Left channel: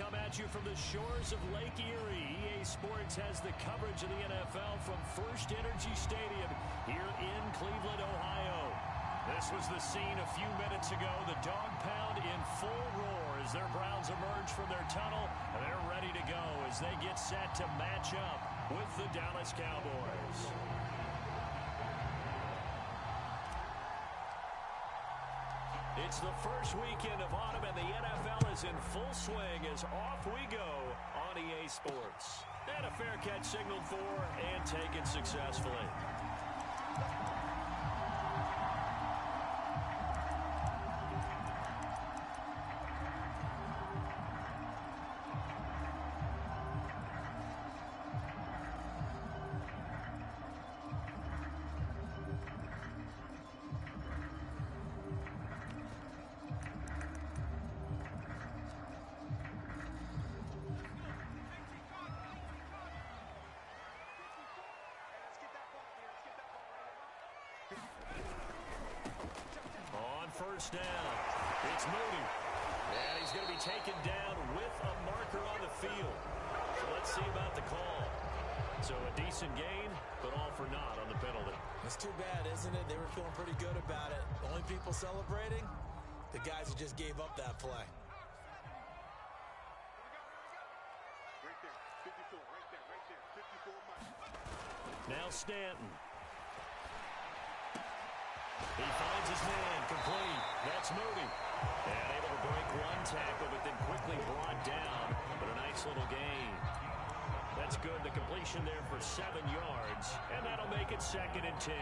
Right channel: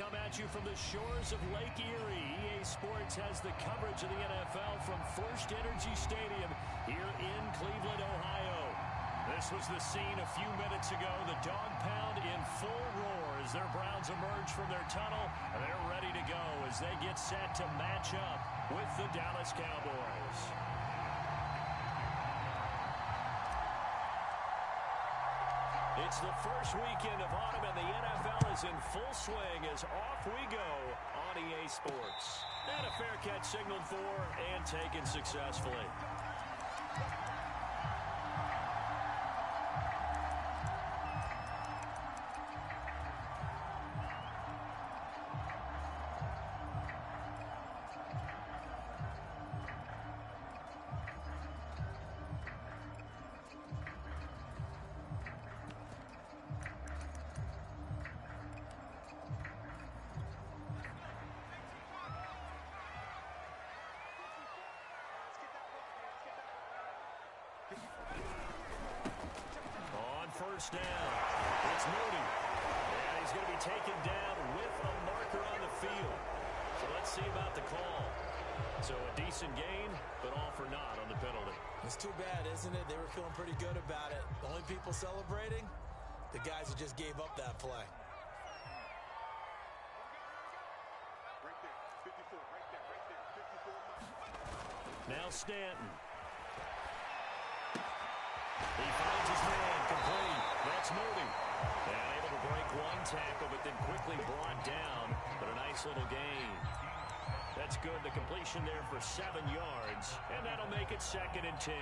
come at you from the shores of Lake Erie. EA Sports has the coverage of the NFL from First Energy Stadium here in Cleveland, Ohio. This was the scene a few minutes ago. The dog pound in full roar as their Browns emerge from their tunnel, and they're ready to go as they get set to match up with the Dallas Cowboys. It's the first weekend of autumn, and the NFL is in full swing as off we go on EA Sports. And a fair catch signaled for and taken successfully. First down. It's Moody. And he's going to be taken down with a marker on the field. So let's see about the call. So a decent gain, but all for naught on the penalty. It's too bad, isn't it? They were feeling pretty good about it. The only people celebrating, the guys who just gave up that play. Right there, 54, right there, 54 miles. Now Stanton. He finds his man, complete. That's Moody. And able to break one tackle, but then quickly brought down. But a nice little gain. That's good. The completion there for 7 yards. And that'll make it 2nd and 10.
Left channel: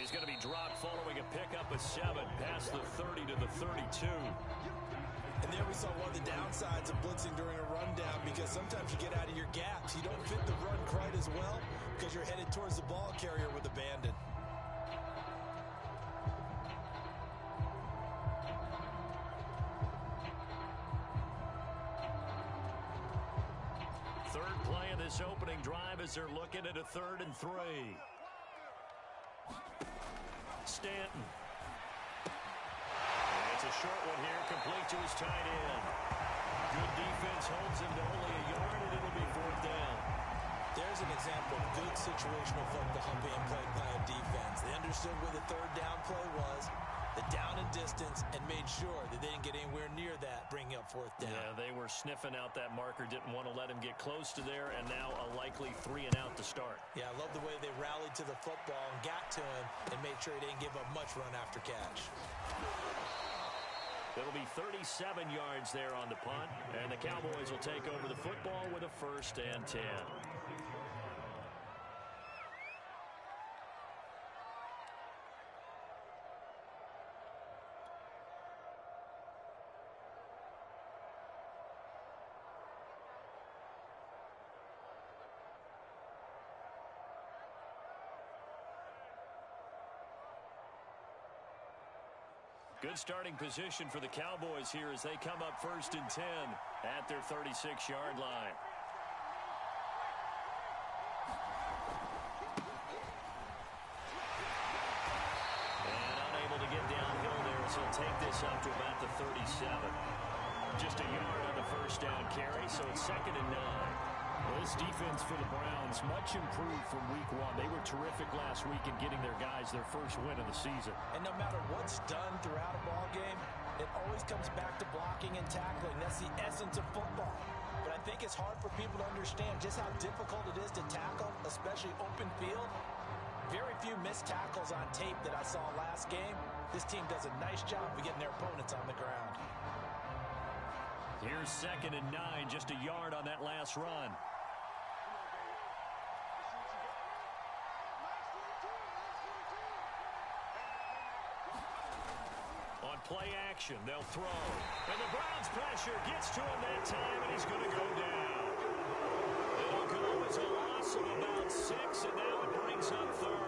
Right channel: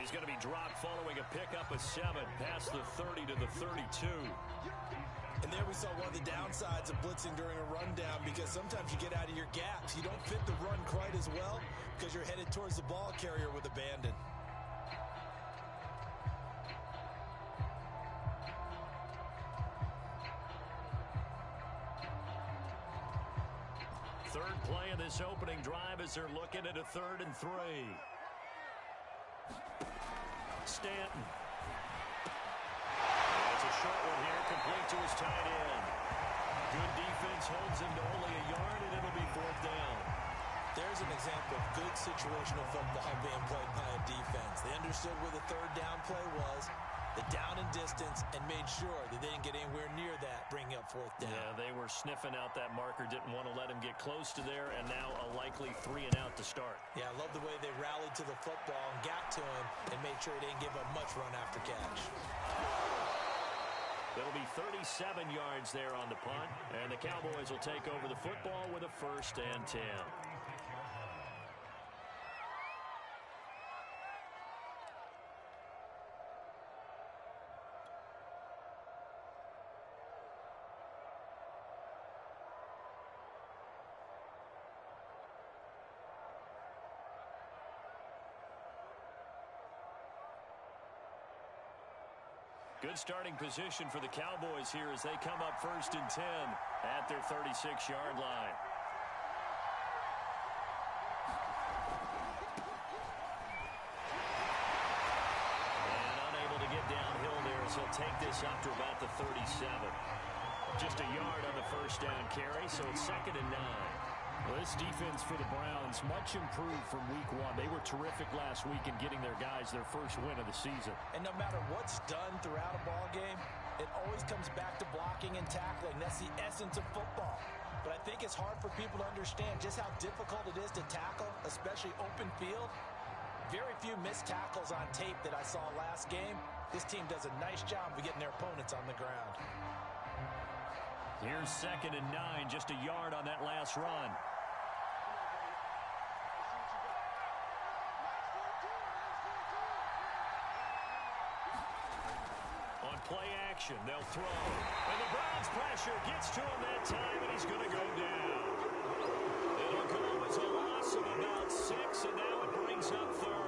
He's going to be dropped following a pickup of 7 past the 30 to the 32. And there we saw one of the downsides of blitzing during a rundown, because sometimes you get out of your gaps. You don't fit the run quite as well because you're headed towards the ball carrier with abandon. Third play of this opening drive as they're looking at a 3rd and 3. Stanton. And it's a short one here, complete to his tight end. Good defense holds him to only a yard, and it'll be 4th down. There's an example of good situational football being played by a defense. They understood where the 3rd down play was, the down and distance, and made sure that they didn't get anywhere near that, bringing up 4th down. Yeah, they were sniffing out that marker, didn't want to let him get close to there, and now a likely 3 and out to start. Yeah, I love the way they rallied to the football and got to him and made sure he didn't give up much run after catch. It'll be 37 yards there on the punt, and the Cowboys will take over the football with a 1st and 10. Good starting position for the Cowboys here as they come up 1st and 10 at their 36-yard line. And unable to get downhill there as he'll take this up to about the 37. Just a yard on the 1st down carry, so it's 2nd and 9. Well, this defense for the Browns, much improved from week 1. They were terrific last week in getting their guys their first win of the season. And no matter what's done throughout a ball game, it always comes back to blocking and tackling. That's the essence of football. But I think it's hard for people to understand just how difficult it is to tackle, especially open field. Very few missed tackles on tape that I saw last game. This team does a nice job of getting their opponents on the ground. Here's 2nd and 9, just a yard on that last run. On play action. They'll throw. And the Browns' pressure gets to him that time, and he's going to go down. It'll go as a loss of about 6, and now it brings up third.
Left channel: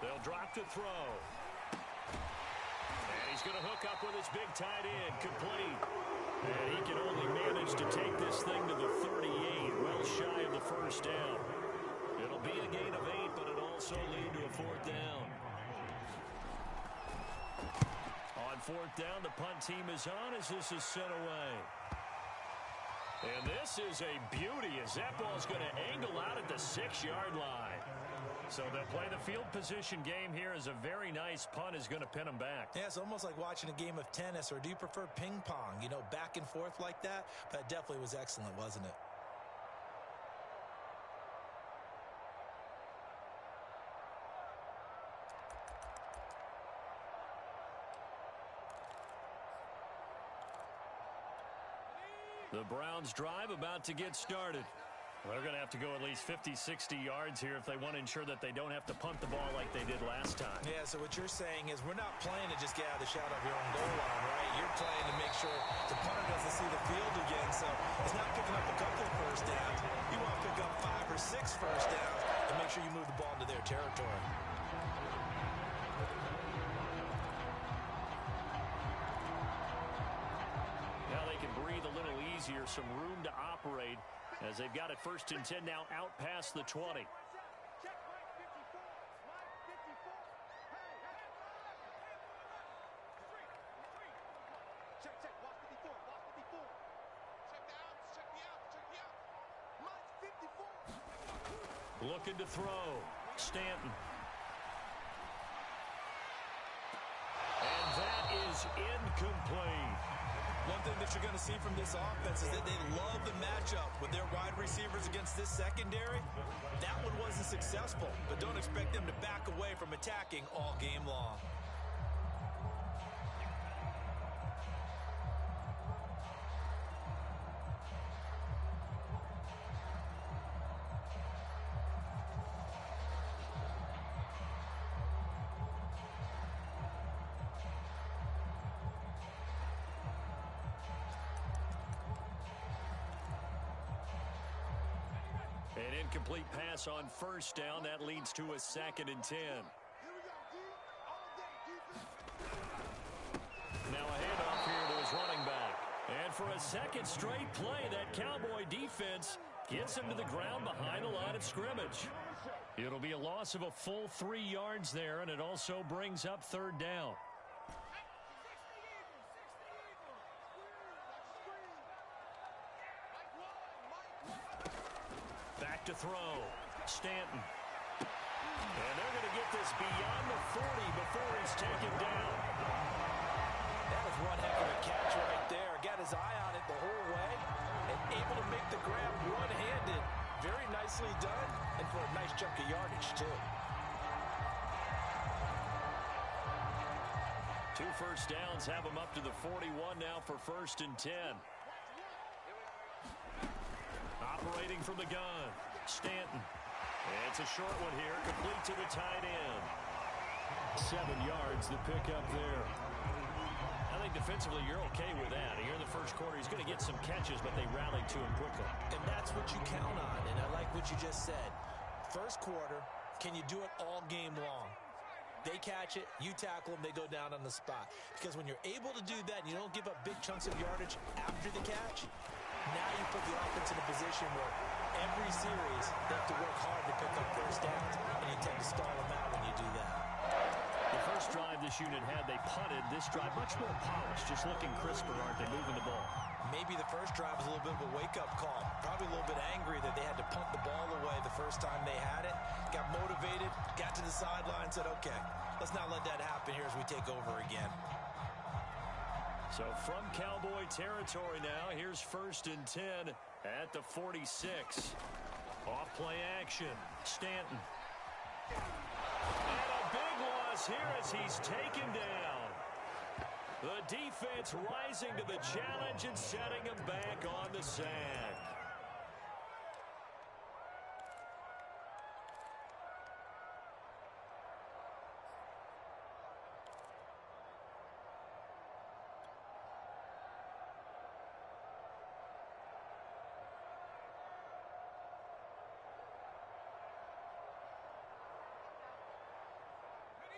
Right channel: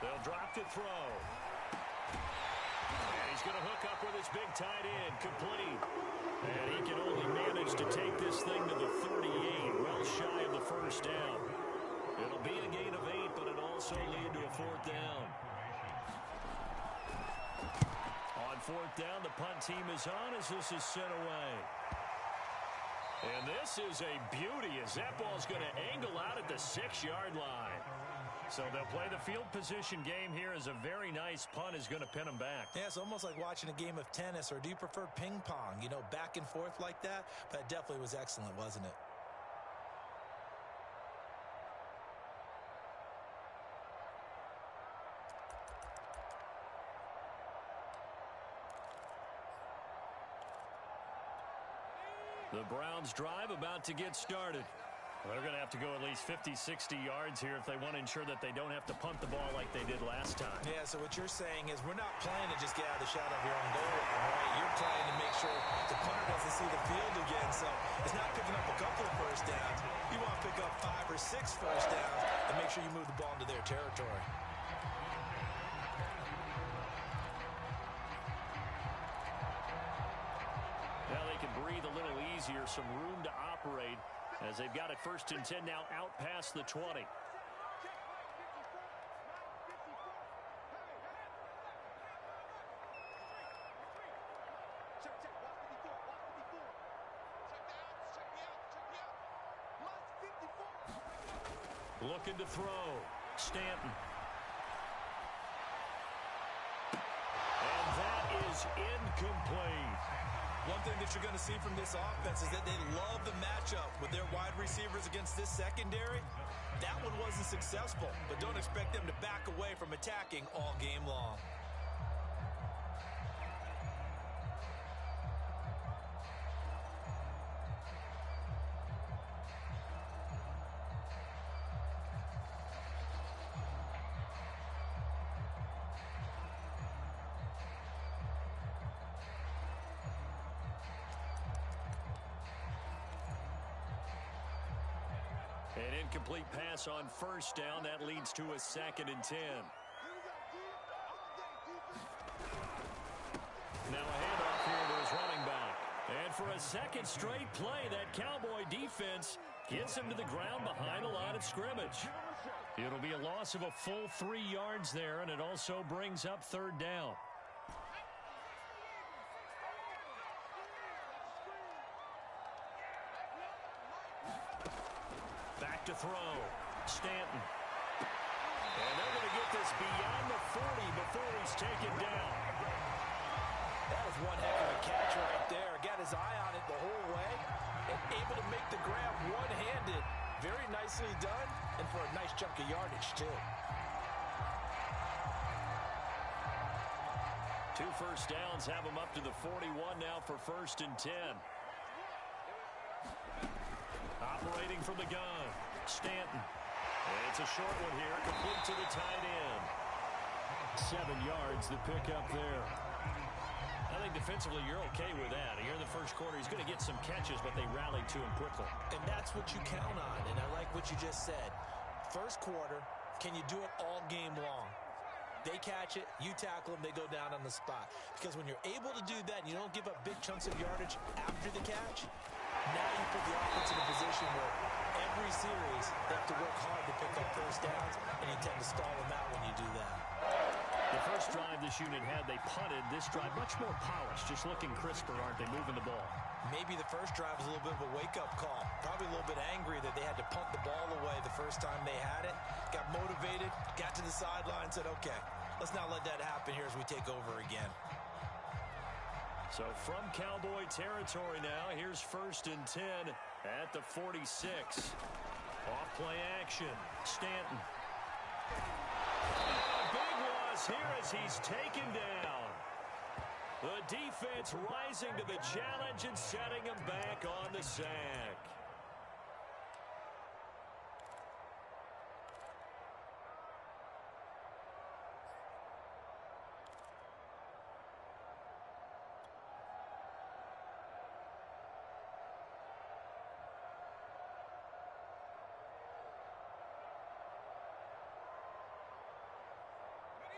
They'll drop to throw. And he's going to hook up with his big tight end, complete. And he can only manage to take this thing to the 38, well shy of the first down. It'll be a gain of 8, but it'll also lead to a 4th down. On 4th down, the punt team is on as this is sent away. And this is a beauty as that ball's going to angle out at the 6-yard line. So they'll play the field position game here as a very nice punt is going to pin them back. Yeah, it's almost like watching a game of tennis, or do you prefer ping pong? You know, back and forth like that? But it definitely was excellent, wasn't it? The Browns drive about to get started. They're going to have to go at least 50, 60 yards here if they want to ensure that they don't have to punt the ball like they did last time. Yeah, so what you're saying is we're not playing to just get out of the shadow of your own goal line, right? You're playing to make sure the punter doesn't see the field again. So it's not picking up a couple of first downs. You want to pick up 5 or 6 first downs and make sure you move the ball into their territory. Now they can breathe a little easier, some room to operate as they've got it 1st and 10 now out past the 20. Looking to throw. Stanton. And that is incomplete. One thing that you're going to see from this offense is that they love the matchup with their wide receivers against this secondary. That one wasn't successful, but don't expect them to back away from attacking all game long. An incomplete pass on 1st down. That leads to a 2nd and 10. Now a handoff here to his running back. And for a 2nd straight play, that Cowboy defense gets him to the ground behind the line of scrimmage. It'll be a loss of a full 3 yards there, and it also brings up 3rd down. To throw. Stanton. And they're going to get this beyond the 40 before he's taken down. That is one heck of a catch right there. Got his eye on it the whole way and able to make the grab one-handed. Very nicely done, and for a nice chunk of yardage, too. 2 first downs have him up to the 41 now for 1st and 10. Operating from the gun. Stanton. It's a short one here, complete to the tight end. 7 yards, the pickup there. I think defensively you're okay with that. Here in the first quarter, he's going to get some catches, but they rallied to him quickly. And that's what you count on, and I like what you just said. First quarter, can you do it all game long? They catch it, you tackle them, they go down on the spot. Because when you're able to do that and you don't give up big chunks of yardage after the catch, now you put the offense in a position where every series they have to work hard to pick up first downs, and you tend to stall them out when you do that. The first drive this unit had, they punted. This drive, much more polished, just looking crisper, aren't they, moving the ball? Maybe the first drive was a little bit of a wake-up call. Probably a little bit angry that they had to punt the ball away the first time they had it. Got motivated, got to the sideline, said, okay, let's not let that happen here as we take over again. So from Cowboy territory now, here's 1st and 10 at the 46. Off play action, Stanton. And a big loss here as he's taken down. The defense rising to the challenge and setting him back on the sack.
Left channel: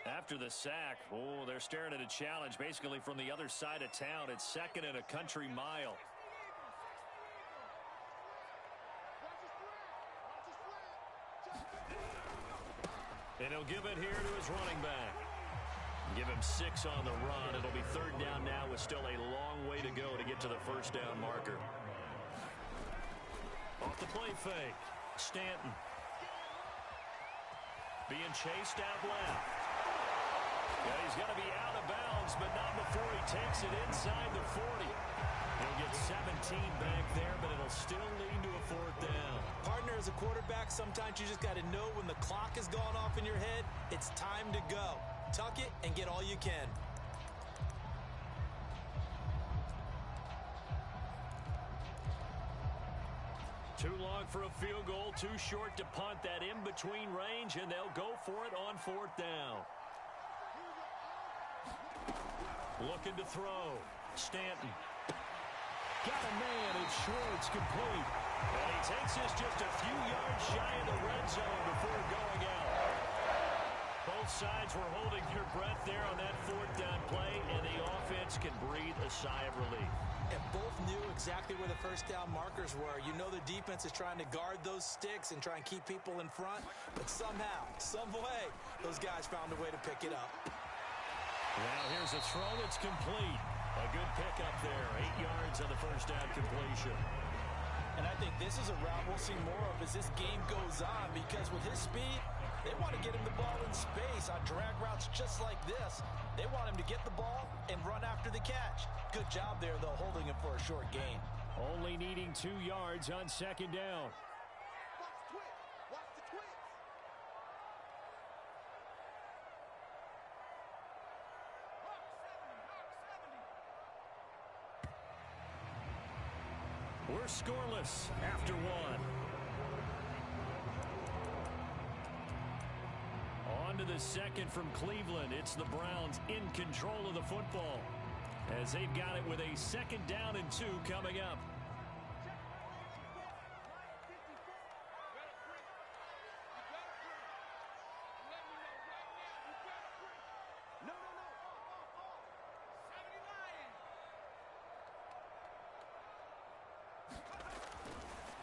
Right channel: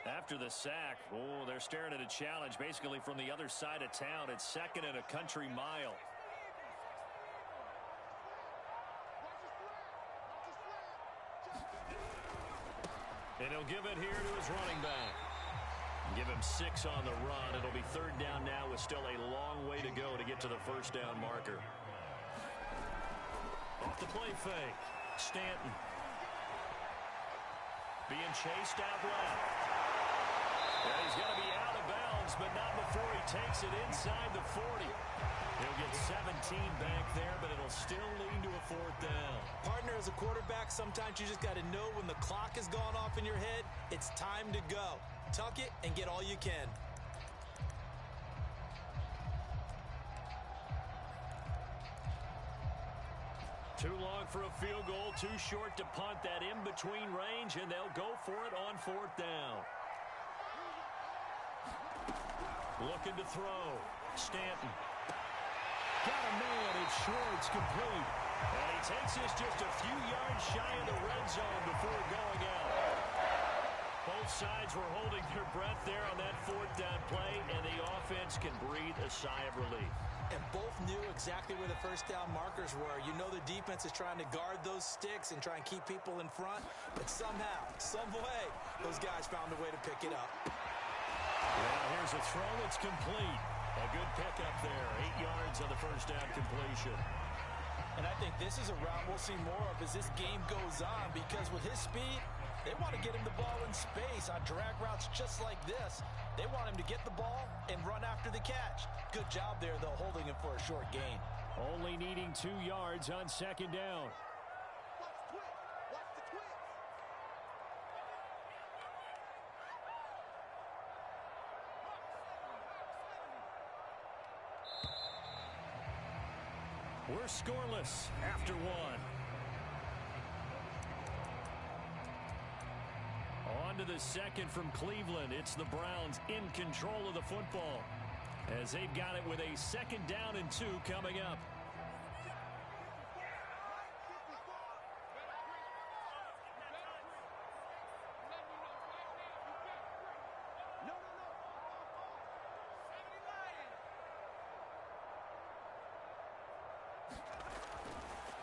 After the sack, they're staring at a challenge basically from the other side of town. It's 2nd and a country mile. And he'll give it here to his running back. Give him 6 on the run. It'll be 3rd down now with still a long way to go to get to the 1st down marker. Off the play fake, Stanton. Being chased out left. And he's going to be out of bounds, but not before he takes it inside the 40. He'll get 17 back there, but it'll still lead to a 4th down. Partner, as a quarterback, sometimes you just got to know when the clock has gone off in your head, it's time to go. Tuck it and get all you can. Too long for a field goal, too short to punt. That in-between range, and they'll go for it on 4th down. Looking to throw. Stanton. Got a man. It's Schwartz, complete. And he takes this just a few yards shy of the red zone before going out. Both sides were holding their breath there on that 4th down play, and the offense can breathe a sigh of relief. And both knew exactly where the 1st down markers were. You know the defense is trying to guard those sticks and try and keep people in front, but somehow, some way, those guys found a way to pick it up. Now here's a throw that's complete. A good pickup there. 8 yards on the 1st down completion. And I think this is a route we'll see more of as this game goes on, because with his speed, they want to get him the ball in space on drag routes just like this. They want him to get the ball and run after the catch. Good job there, though, holding him for a short gain. Only needing 2 yards on 2nd down. Watch the twist. Watch the twist. We're scoreless after 1. On to the 2nd from Cleveland. It's the Browns in control of the football as they've got it with a 2nd down and 2 coming up.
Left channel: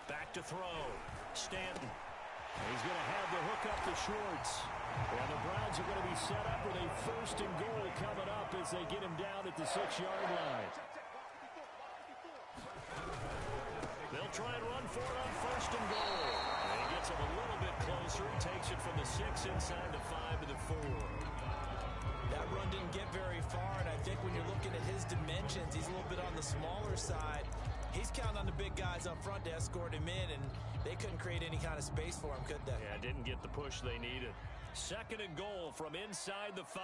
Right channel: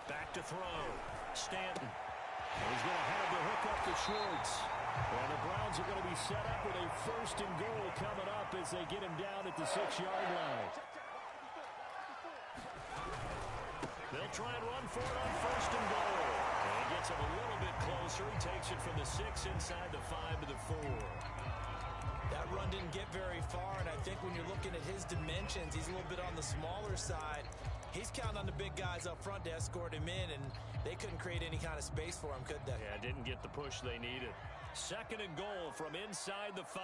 Back to throw. Stanton. He's going to have the hook up to Schwartz. And the Browns are going to be set up with a 1st and goal coming up as they get him down at the 6-yard line. They'll try and run for it on 1st and goal. And he gets him a little bit closer. He takes it from the 6 inside the 5 to the 4. That run didn't get very far, and I think when you're looking at his dimensions, he's a little bit on the smaller side. He's counting on the big guys up front to escort him in, and they couldn't create any kind of space for him, could they? Yeah, didn't get the push they needed. 2nd and goal from inside the 5.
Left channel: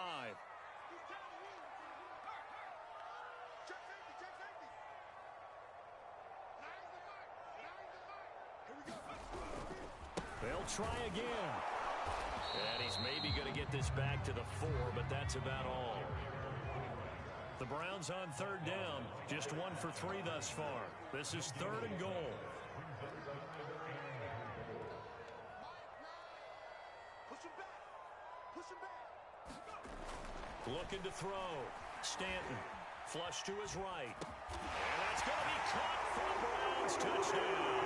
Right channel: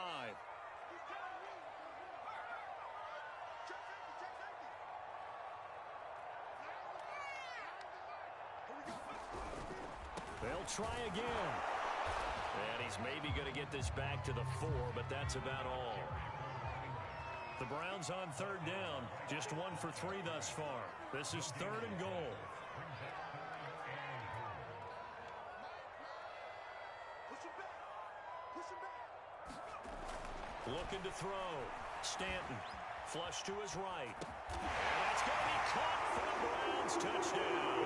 They'll try again. And he's maybe going to get this back to the 4, but that's about all. The Browns on 3rd down. Just 1 for 3 thus far. This is 3rd and goal. Looking to throw. Stanton. Flush to his right. And that's going to be caught for a Browns touchdown.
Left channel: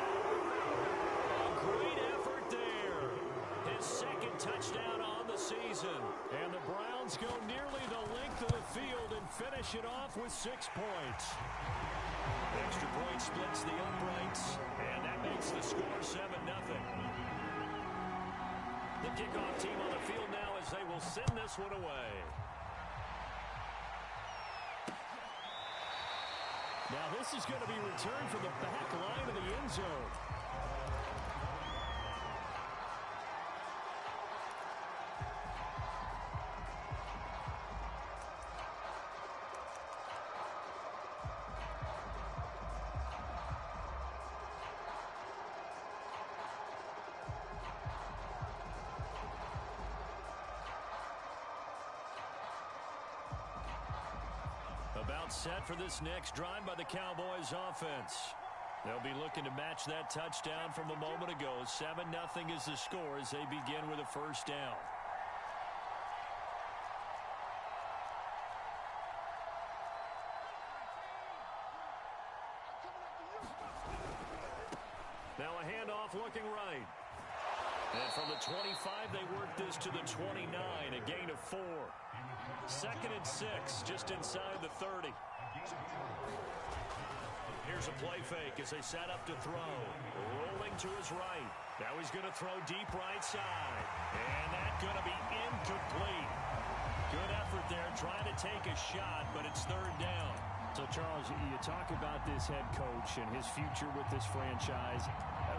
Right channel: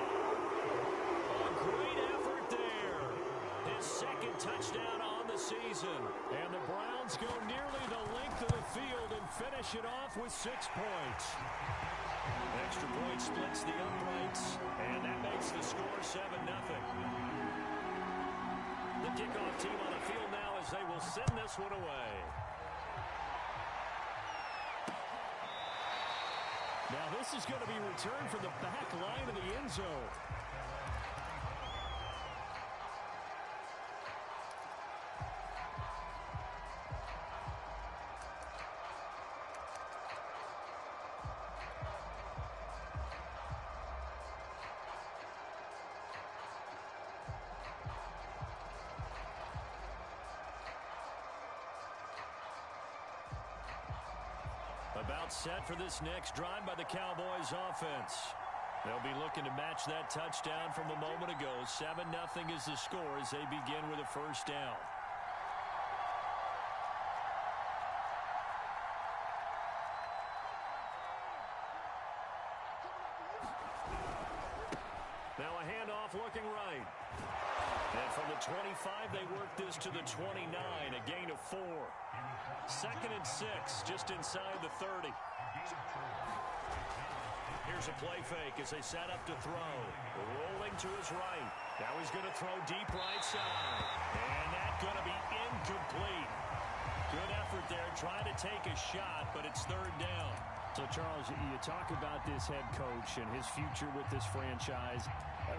A great effort there. His 2nd touchdown on the the season. And the Browns go nearly the length of the field and finish it off with 6 points. Extra point splits the uprights, and that makes the score 7-0. The kickoff team on the field now as they will send this one away. Now this is going to be returned from the back line of the end zone. About set for this next drive by the Cowboys offense. They'll be looking to match that touchdown from a moment ago. 7-0 is the score as they begin with a first down. Now a handoff looking right. And from the 25, they work this to the 29, a gain of 4. 2nd and 6, just inside the 30. Here's a play fake as they set up to throw. Rolling to his right. Now he's going to throw deep right side. And that's going to be incomplete. Good effort there, trying to take a shot, but it's 3rd down. So, Charles, you talk about this head coach and his future with this franchise.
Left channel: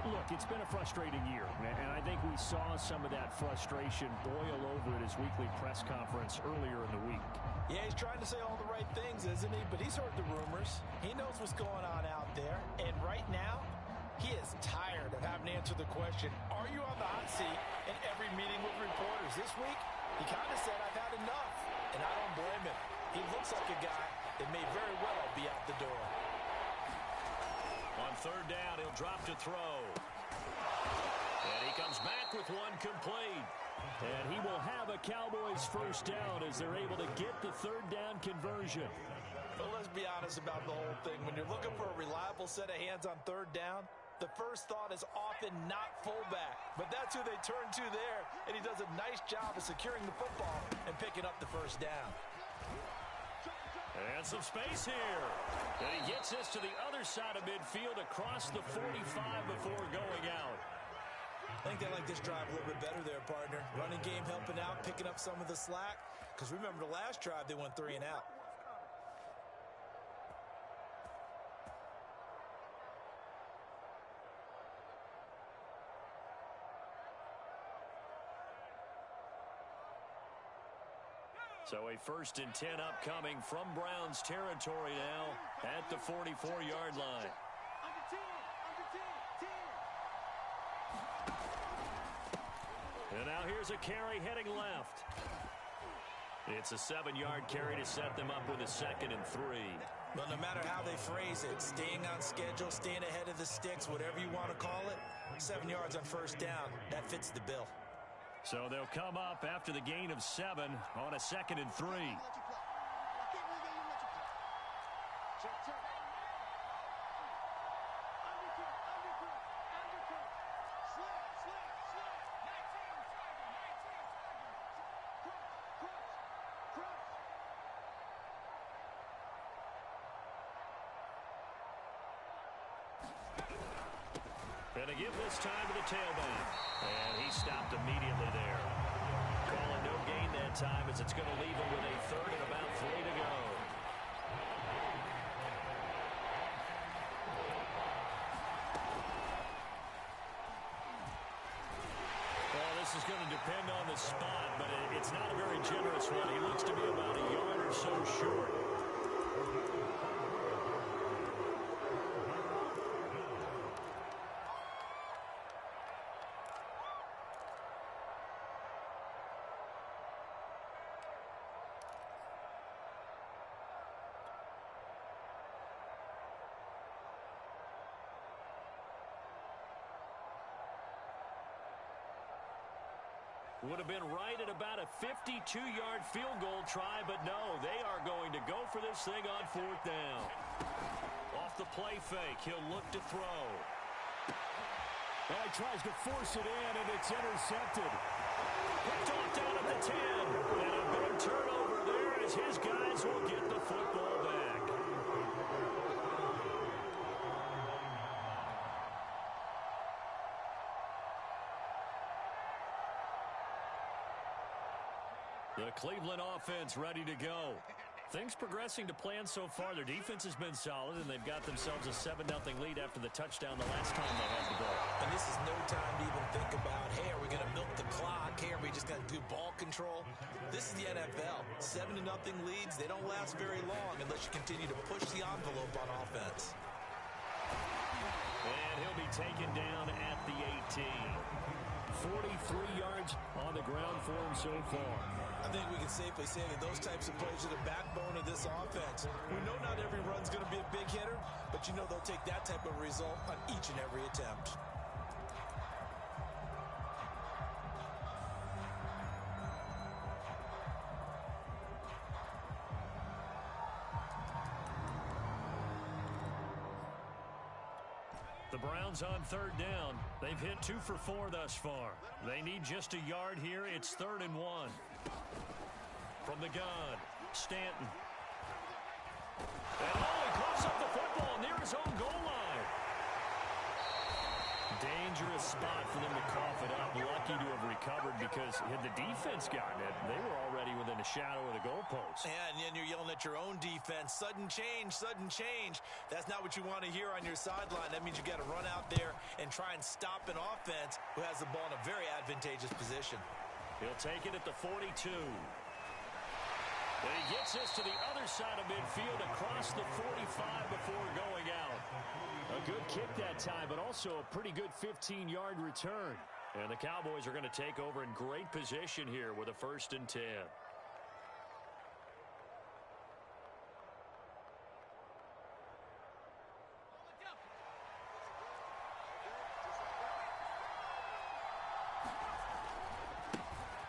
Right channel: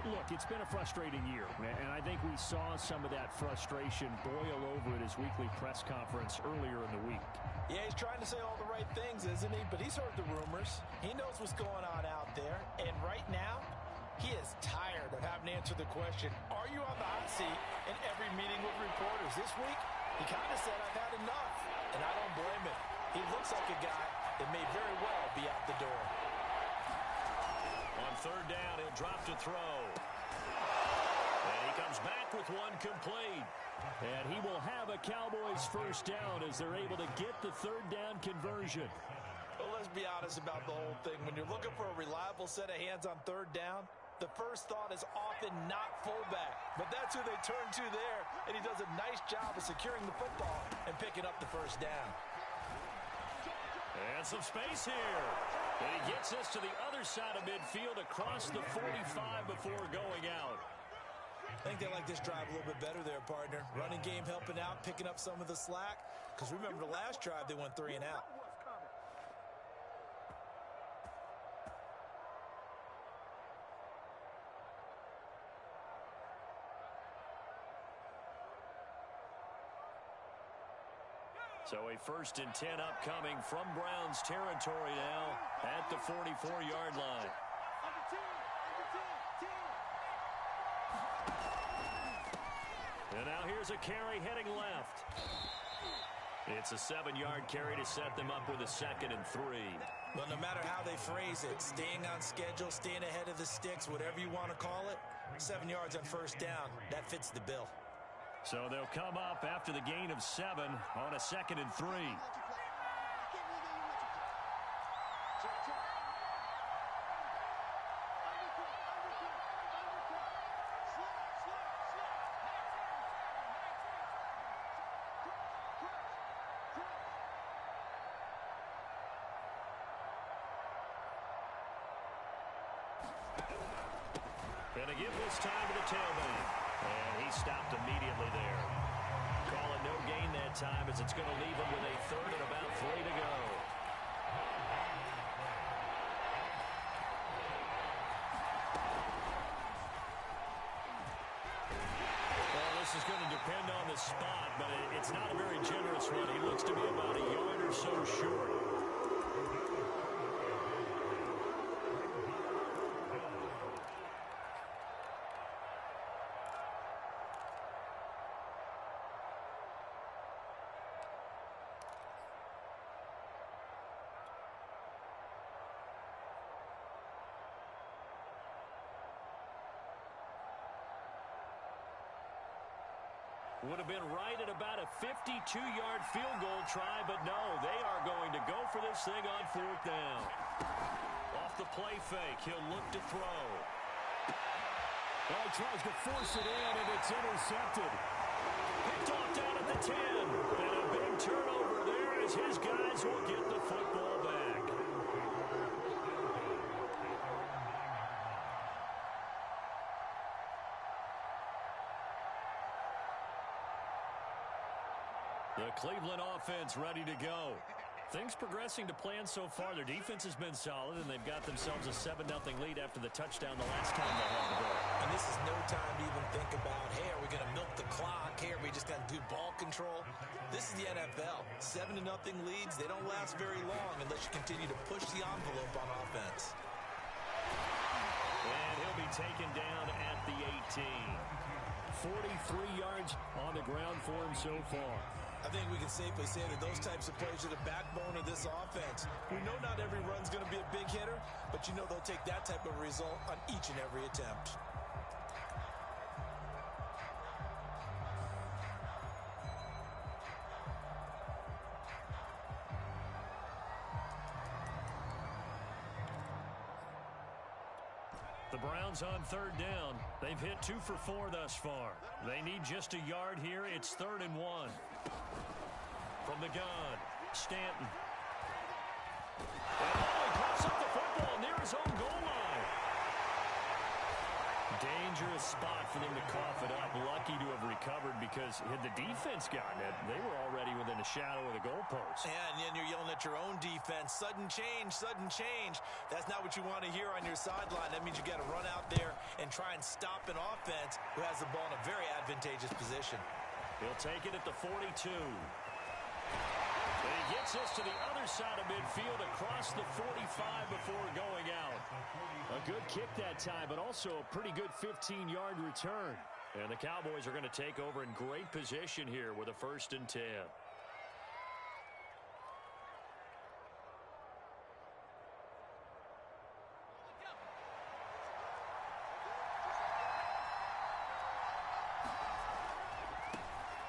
Look, it's been a frustrating year, and I think we saw some of that frustration boil over at his weekly press conference earlier in the week. Yeah, he's trying to say all the right things, isn't he? But he's heard the rumors. He knows what's going on out there. And right now, he is tired of having to answer the question, are you on the hot seat in every meeting with reporters? This week, he kind of said, I've had enough. And I don't blame him. He looks like a guy that may very well be out the door. On 3rd down, he'll drop to throw. And he comes back with one complete. And he will have a Cowboys first down as they're able to get the 3rd down conversion. Well, let's be honest about the whole thing. When you're looking for a reliable set of hands on 3rd down, the first thought is often not fullback. But that's who they turn to there. And he does a nice job of securing the football and picking up the first down. And some space here. And he gets this to the other side of midfield across the 45 before going out. I think they like this drive a little bit better there, partner. Running game helping out, picking up some of the slack. Because remember the last drive, they went 3 and out. So a 1st and 10 upcoming from Browns territory now at the 44-yard line. And now here's a carry heading left. It's a 7-yard carry to set them up with a 2nd and 3. Well, no matter how they phrase it, staying on schedule, staying ahead of the sticks, whatever you want to call it, 7 yards on 1st down, that fits the bill. So they'll come up after the gain of 7 on a 2nd and 3. And to give this time to the tailback. And he stopped immediately there. Call it no gain that time as it's going to leave him with a 3rd and about 3 to go. Well, this is going to depend on the spot, but it's not a very generous one. He looks to be about a yard or so short. Would have been right at about a 52-yard field goal try, but no, they are going to go for this thing on 4th down. Off the play fake, he'll look to throw. Oh, he tries to force it in, and it's intercepted. Picked off down at the 10. And a big turnover there as his guys will get the football back. The Cleveland offense ready to go. Things progressing to plan so far. Their defense has been solid, and they've got themselves a 7-0 lead after the touchdown the last time they had the ball. And this is no time to even think about, hey, are we going to milk the clock? Hey, are we just going to do ball control? This is the NFL. 7-0 leads, they don't last very long unless you continue to push the envelope on offense. And he'll be taken down at the 18. 43 yards on the ground for him so far. I think we can safely say that those types of plays are the backbone of this offense. We know not every run's going to be a big hitter, but you know they'll take that type of result on each and every attempt. The Browns on third down. They've hit 2 for 4 thus far. They need just a yard here. It's 3rd and 1. From the gun, Stanton. And he coughs up the football near his own goal line. Dangerous spot for them to cough it up. Lucky to have recovered because had the defense gotten it, they were already within a shadow of the goalpost. And then you're yelling at your own defense. Sudden change, sudden change. That's not what you want to hear on your sideline. That means you got to run out there and try and stop an offense who has the ball in a very advantageous position. He'll take it at the 42. And he gets this to the other side of midfield across the 45 before going out. A good kick that time, but also a pretty good 15-yard return. And the Cowboys are going to take over in great position here with a 1st and 10.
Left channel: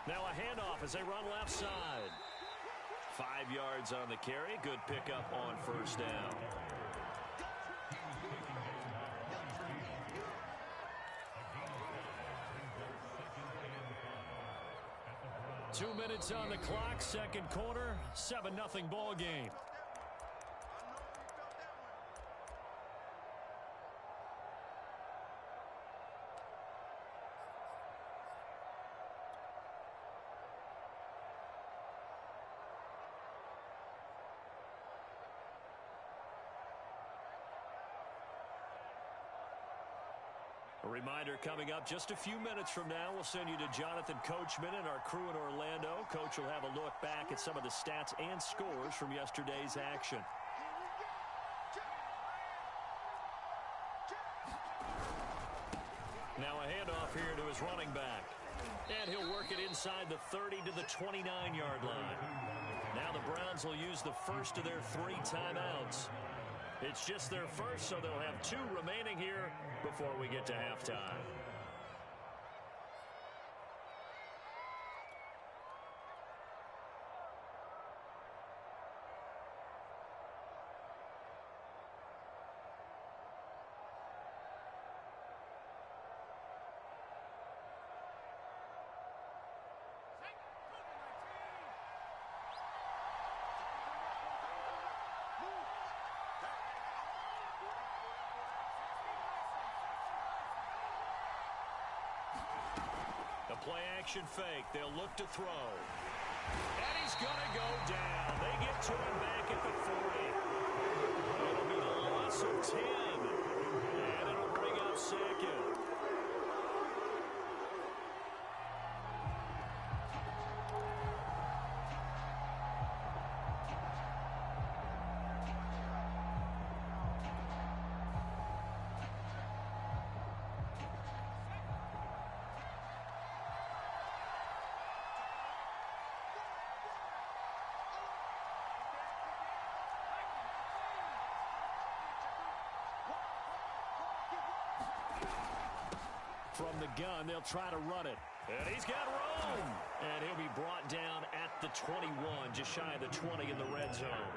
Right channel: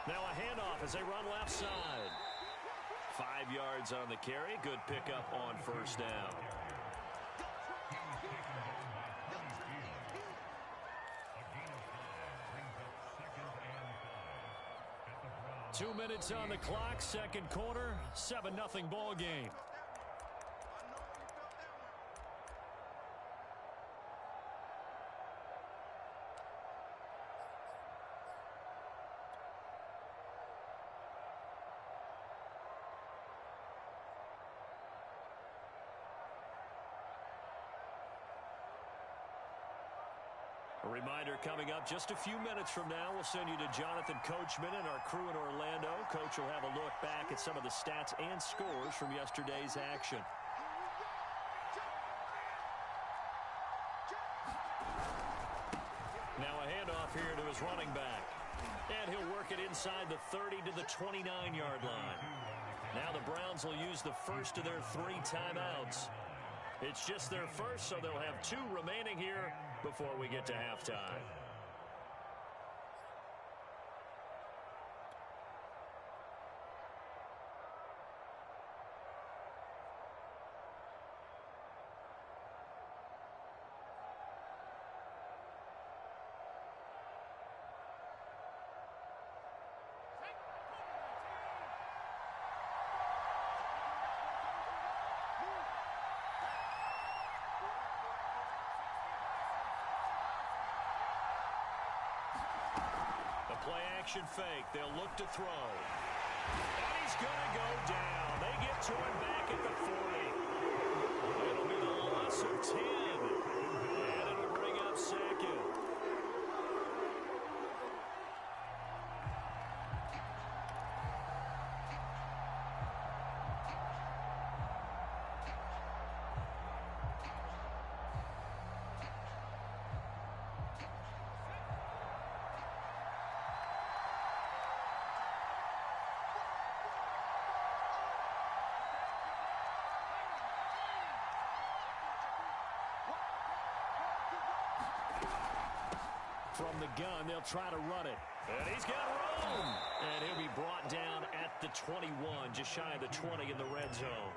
Now a handoff as they run left side. 5 yards on the carry. Good pickup on 1st down. Two minutes on the clock. Second quarter. 7-0 ball game. A reminder coming up just a few minutes from now, we'll send you to Jonathan Coachman and our crew in Orlando. Coach will have a look back at some of the stats and scores from yesterday's action. Now a handoff here to his running back. And he'll work it inside the 30 to the 29-yard line. Now the Browns will use the first of their 3 timeouts. It's just their first, so they'll have 2 remaining here before we get to halftime. Play action fake. They'll look to throw. And he's going to go down. They get to him back at the 40. It'll be the loss of 10. And it'll bring up 2nd. From the gun, they'll try to run it. And he's got room. And he'll be brought down at the 21, just shy of the 20 in the red zone.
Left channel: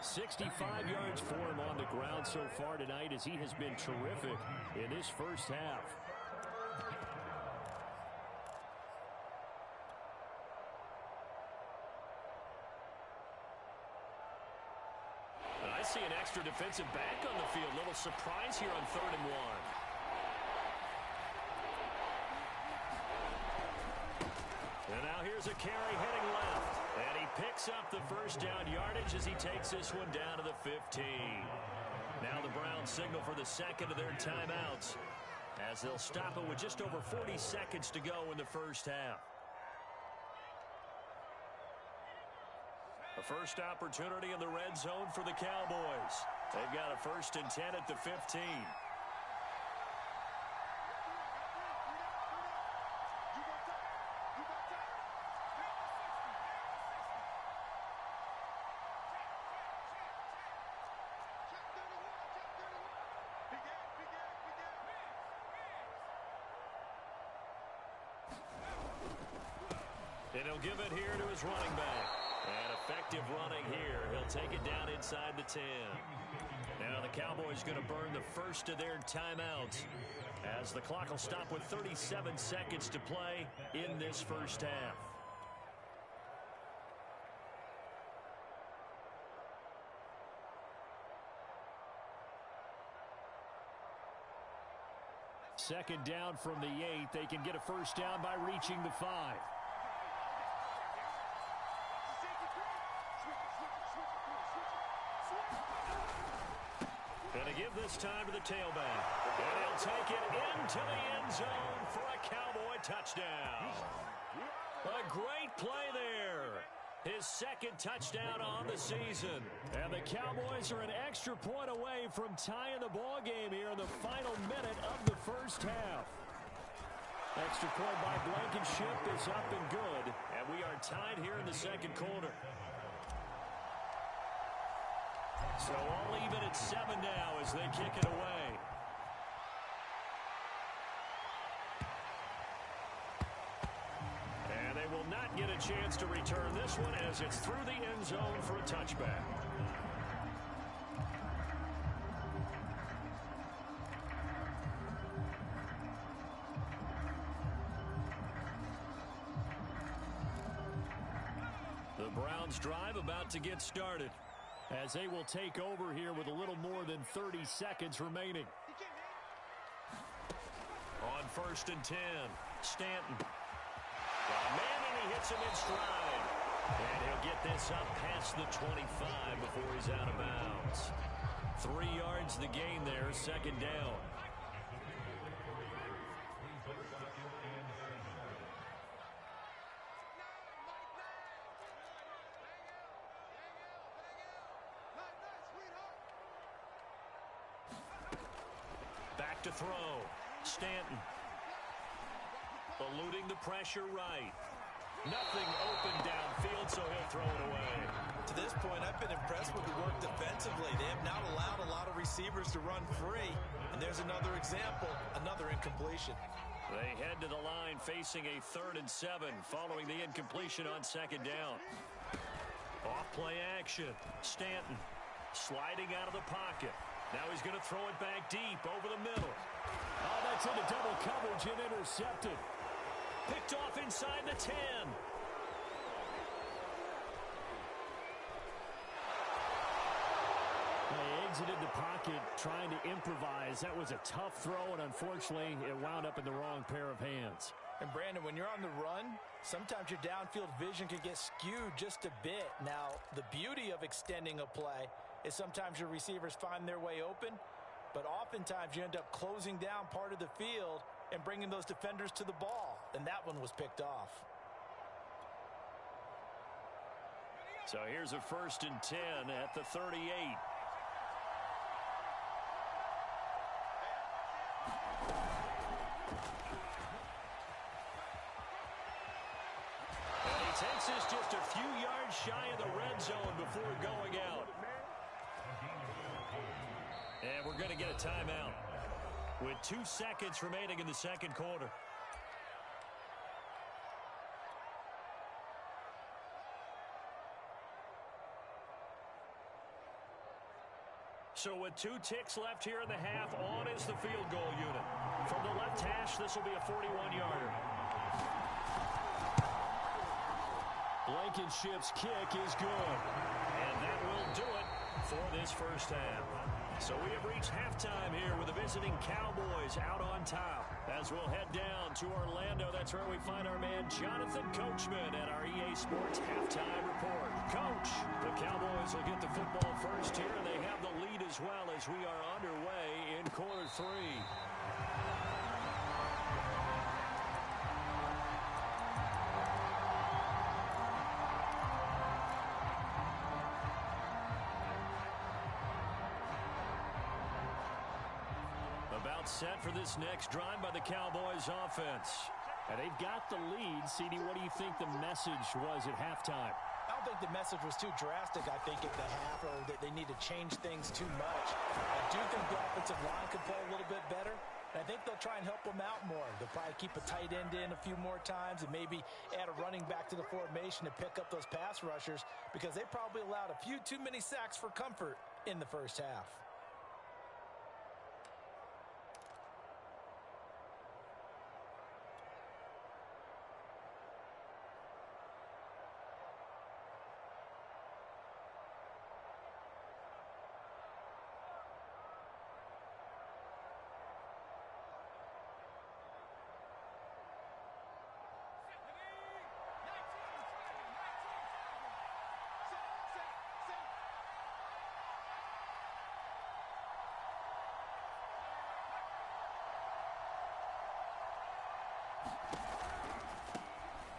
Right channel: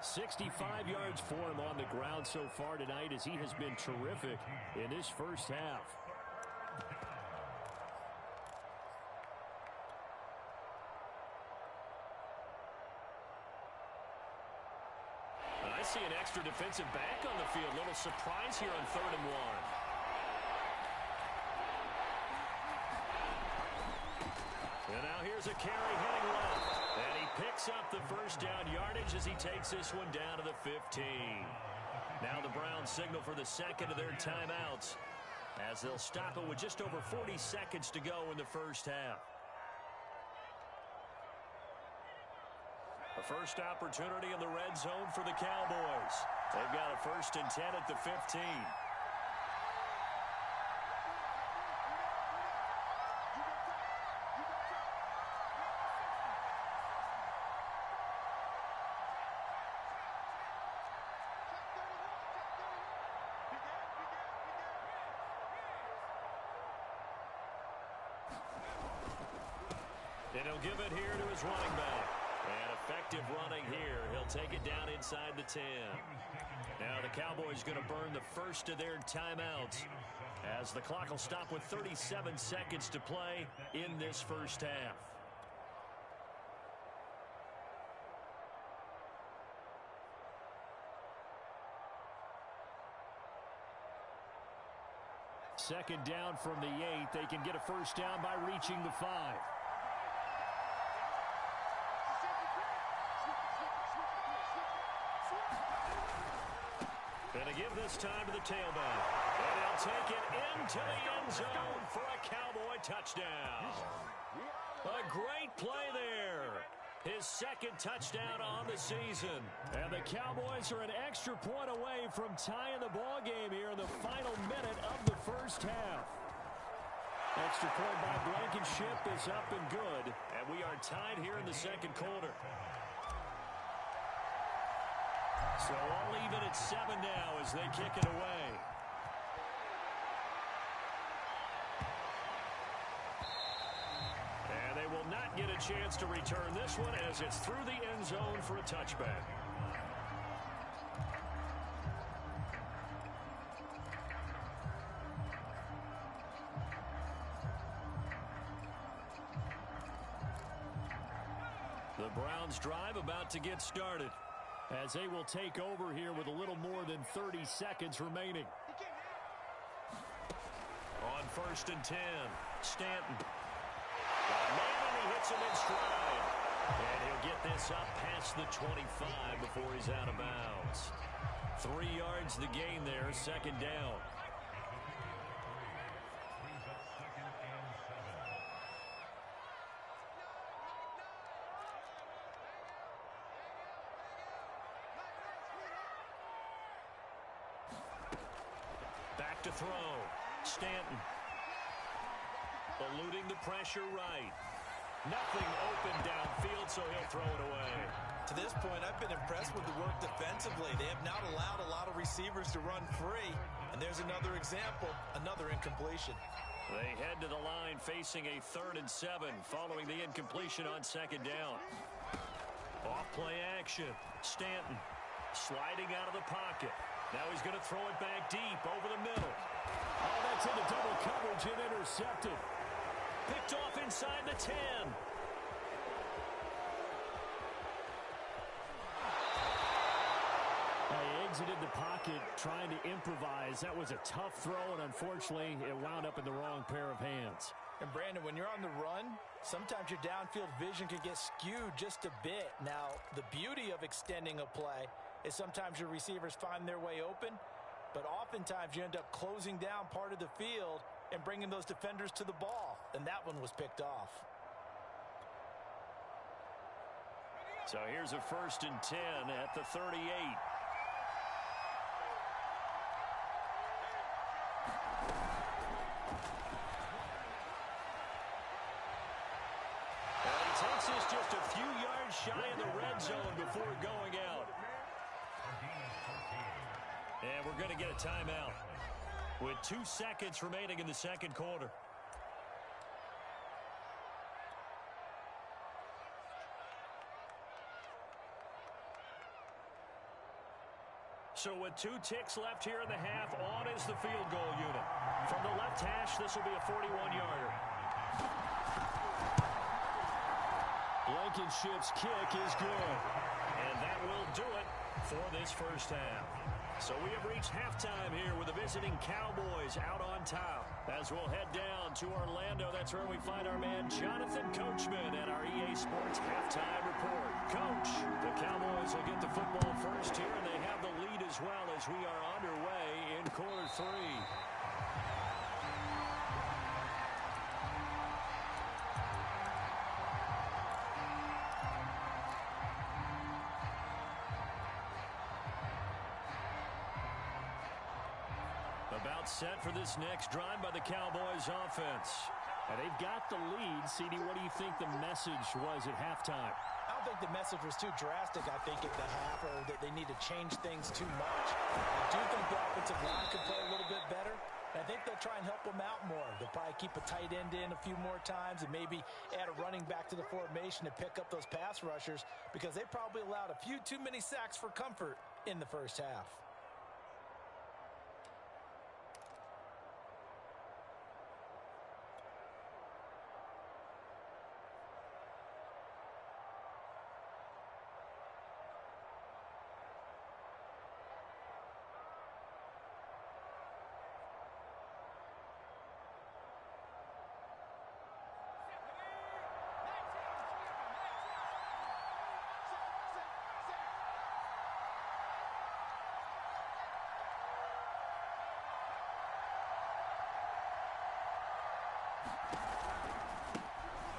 65 yards for him on the ground so far tonight as he has been terrific in this first half. see an extra defensive back on the field. Little surprise here on 3rd and 1. And now here's a carry heading left. And he picks up the first down yardage as he takes this one down to the 15. Now the Browns signal for the second of their timeouts as they'll stop it with just over 40 seconds to go in the first half. A first opportunity in the red zone for the Cowboys. They've got a 1st and 10 at the 15. And he'll give it here to his running back. And effective running here. He'll take it down inside the 10. Now the Cowboys going to burn the first of their timeouts as the clock will stop with 37 seconds to play in this first half. Second down from the 8. They can get a first down by reaching the 5. Going to give this time to the tailback. And he'll take it into the end zone for a Cowboy touchdown. A great play there. His second touchdown on the season. And the Cowboys are an extra point away from tying the ball game here in the final minute of the first half. Extra point by Blankenship is up and good. And we are tied here in the second quarter. So all even at 7 now as they kick it away. And they will not get a chance to return this one as it's through the end zone for a touchback. The Browns drive about to get started, as they will take over here with a little more than 30 seconds remaining. On 1st and 10, Stanton. Got a man, and he hits him in stride. And he'll get this up past the 25 before he's out of bounds. 3 yards the gain there, second down. Back to throw. Stanton. Eluding the pressure right. Nothing open downfield, so he'll throw it away. To this point, I've been impressed with the work defensively. They have not allowed a lot of receivers to run free. And there's another example, another incompletion. They head to the line facing a 3rd and 7 following the incompletion on second down. Off play action. Stanton sliding out of the pocket. Now he's going to throw it back deep over the middle. Oh, that's into double coverage and intercepted. Picked off inside the 10. He exited the pocket trying to improvise. That was a tough throw, and unfortunately, it wound up in the wrong pair of hands. And Brandon, when you're on the run, sometimes your downfield vision can get skewed just a bit. Now, the beauty of extending a play is sometimes your receivers find their way open, but oftentimes you end up closing down part of the field and bringing those defenders to the ball. And that one was picked off. So here's a 1st and 10 at the 38. And he takes this just a few yards shy of the red zone before going out. And we're going to get a timeout with 2 seconds remaining in the second quarter. So with 2 ticks left here in the half, on is the field goal unit. From the left hash, this will be a 41-yarder. Blankenship's kick is good. And that will do it. for this first half. So we have reached halftime here with the visiting Cowboys out on top. As we'll head down to Orlando, that's where we find our man Jonathan Coachman at our EA Sports Halftime Report. Coach, the Cowboys will get the football first here, and they have the lead as well as we are underway in quarter 3. About set for this next drive by the Cowboys offense. And they've got the lead. CD, what do you think the message was at halftime? I don't think the message was too drastic, I think, at the half, or that they need to change things too much. I do think the offensive line could play a little bit better. And I think they'll try and help them out more. They'll probably keep a tight end in a few more times and maybe add a running back to the formation to pick up those pass rushers, because they probably allowed a few too many sacks for comfort in the first half.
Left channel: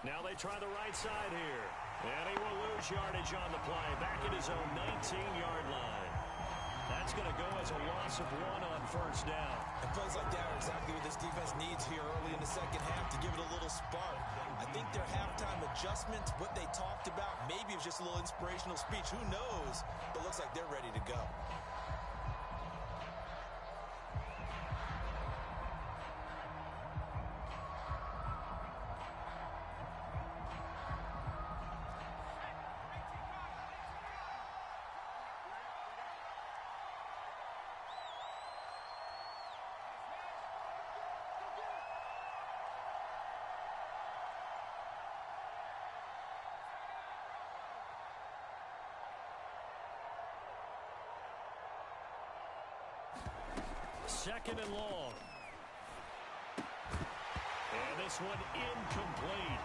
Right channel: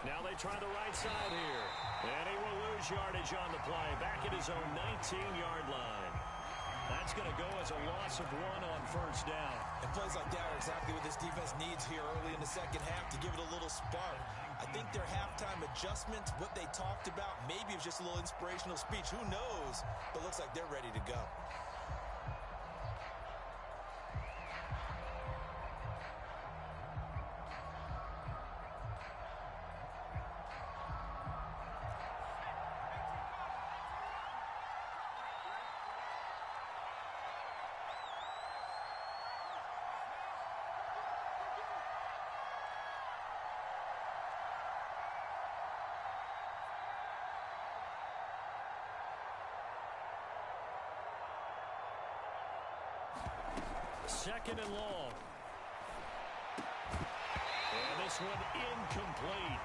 Now they try the right side here. And he will lose yardage on the play. Back at his own 19-yard line. That's going to go as a loss of 1 on first down. And plays like that are exactly what this defense needs here early in the second half to give it a little spark. I think their halftime adjustment, what they talked about, maybe it was just a little inspirational speech. Who knows? But looks like they're ready to go. Second and long. And this one incomplete.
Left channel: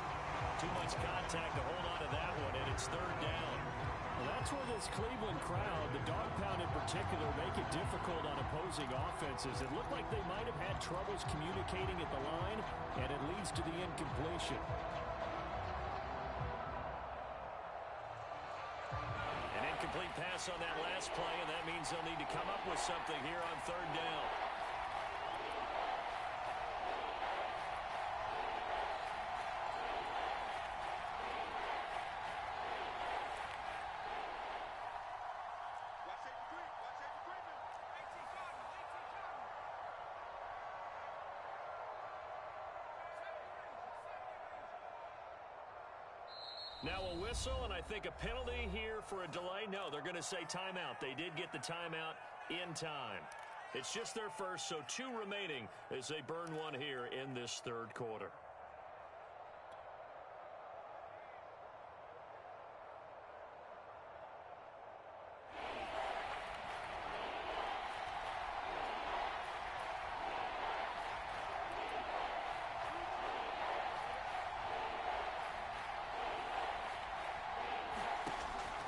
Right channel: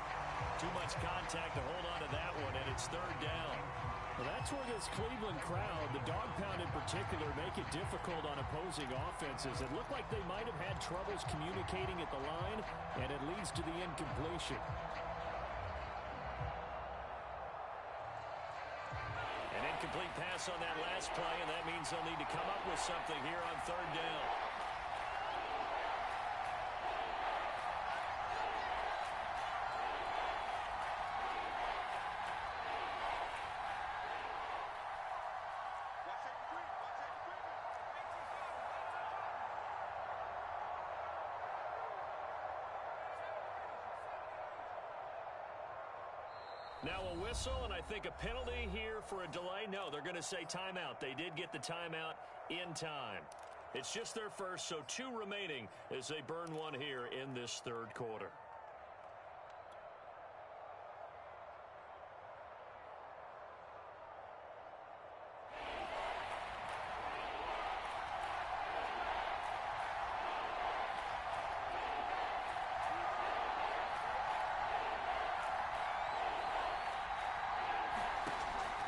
Too much contact to hold on to that one, and it's third down. Well, that's where this Cleveland crowd, the dog pound in particular, make it difficult on opposing offenses. It looked like they might have had troubles communicating at the line, and it leads to the incompletion. An incomplete pass on that last play, and that means they'll need to come up with something here on third down. Now a whistle, and I think a penalty here for a delay. No, they're going to say timeout. They did get the timeout in time. It's just their first, so 2 remaining as they burn one here in this third quarter.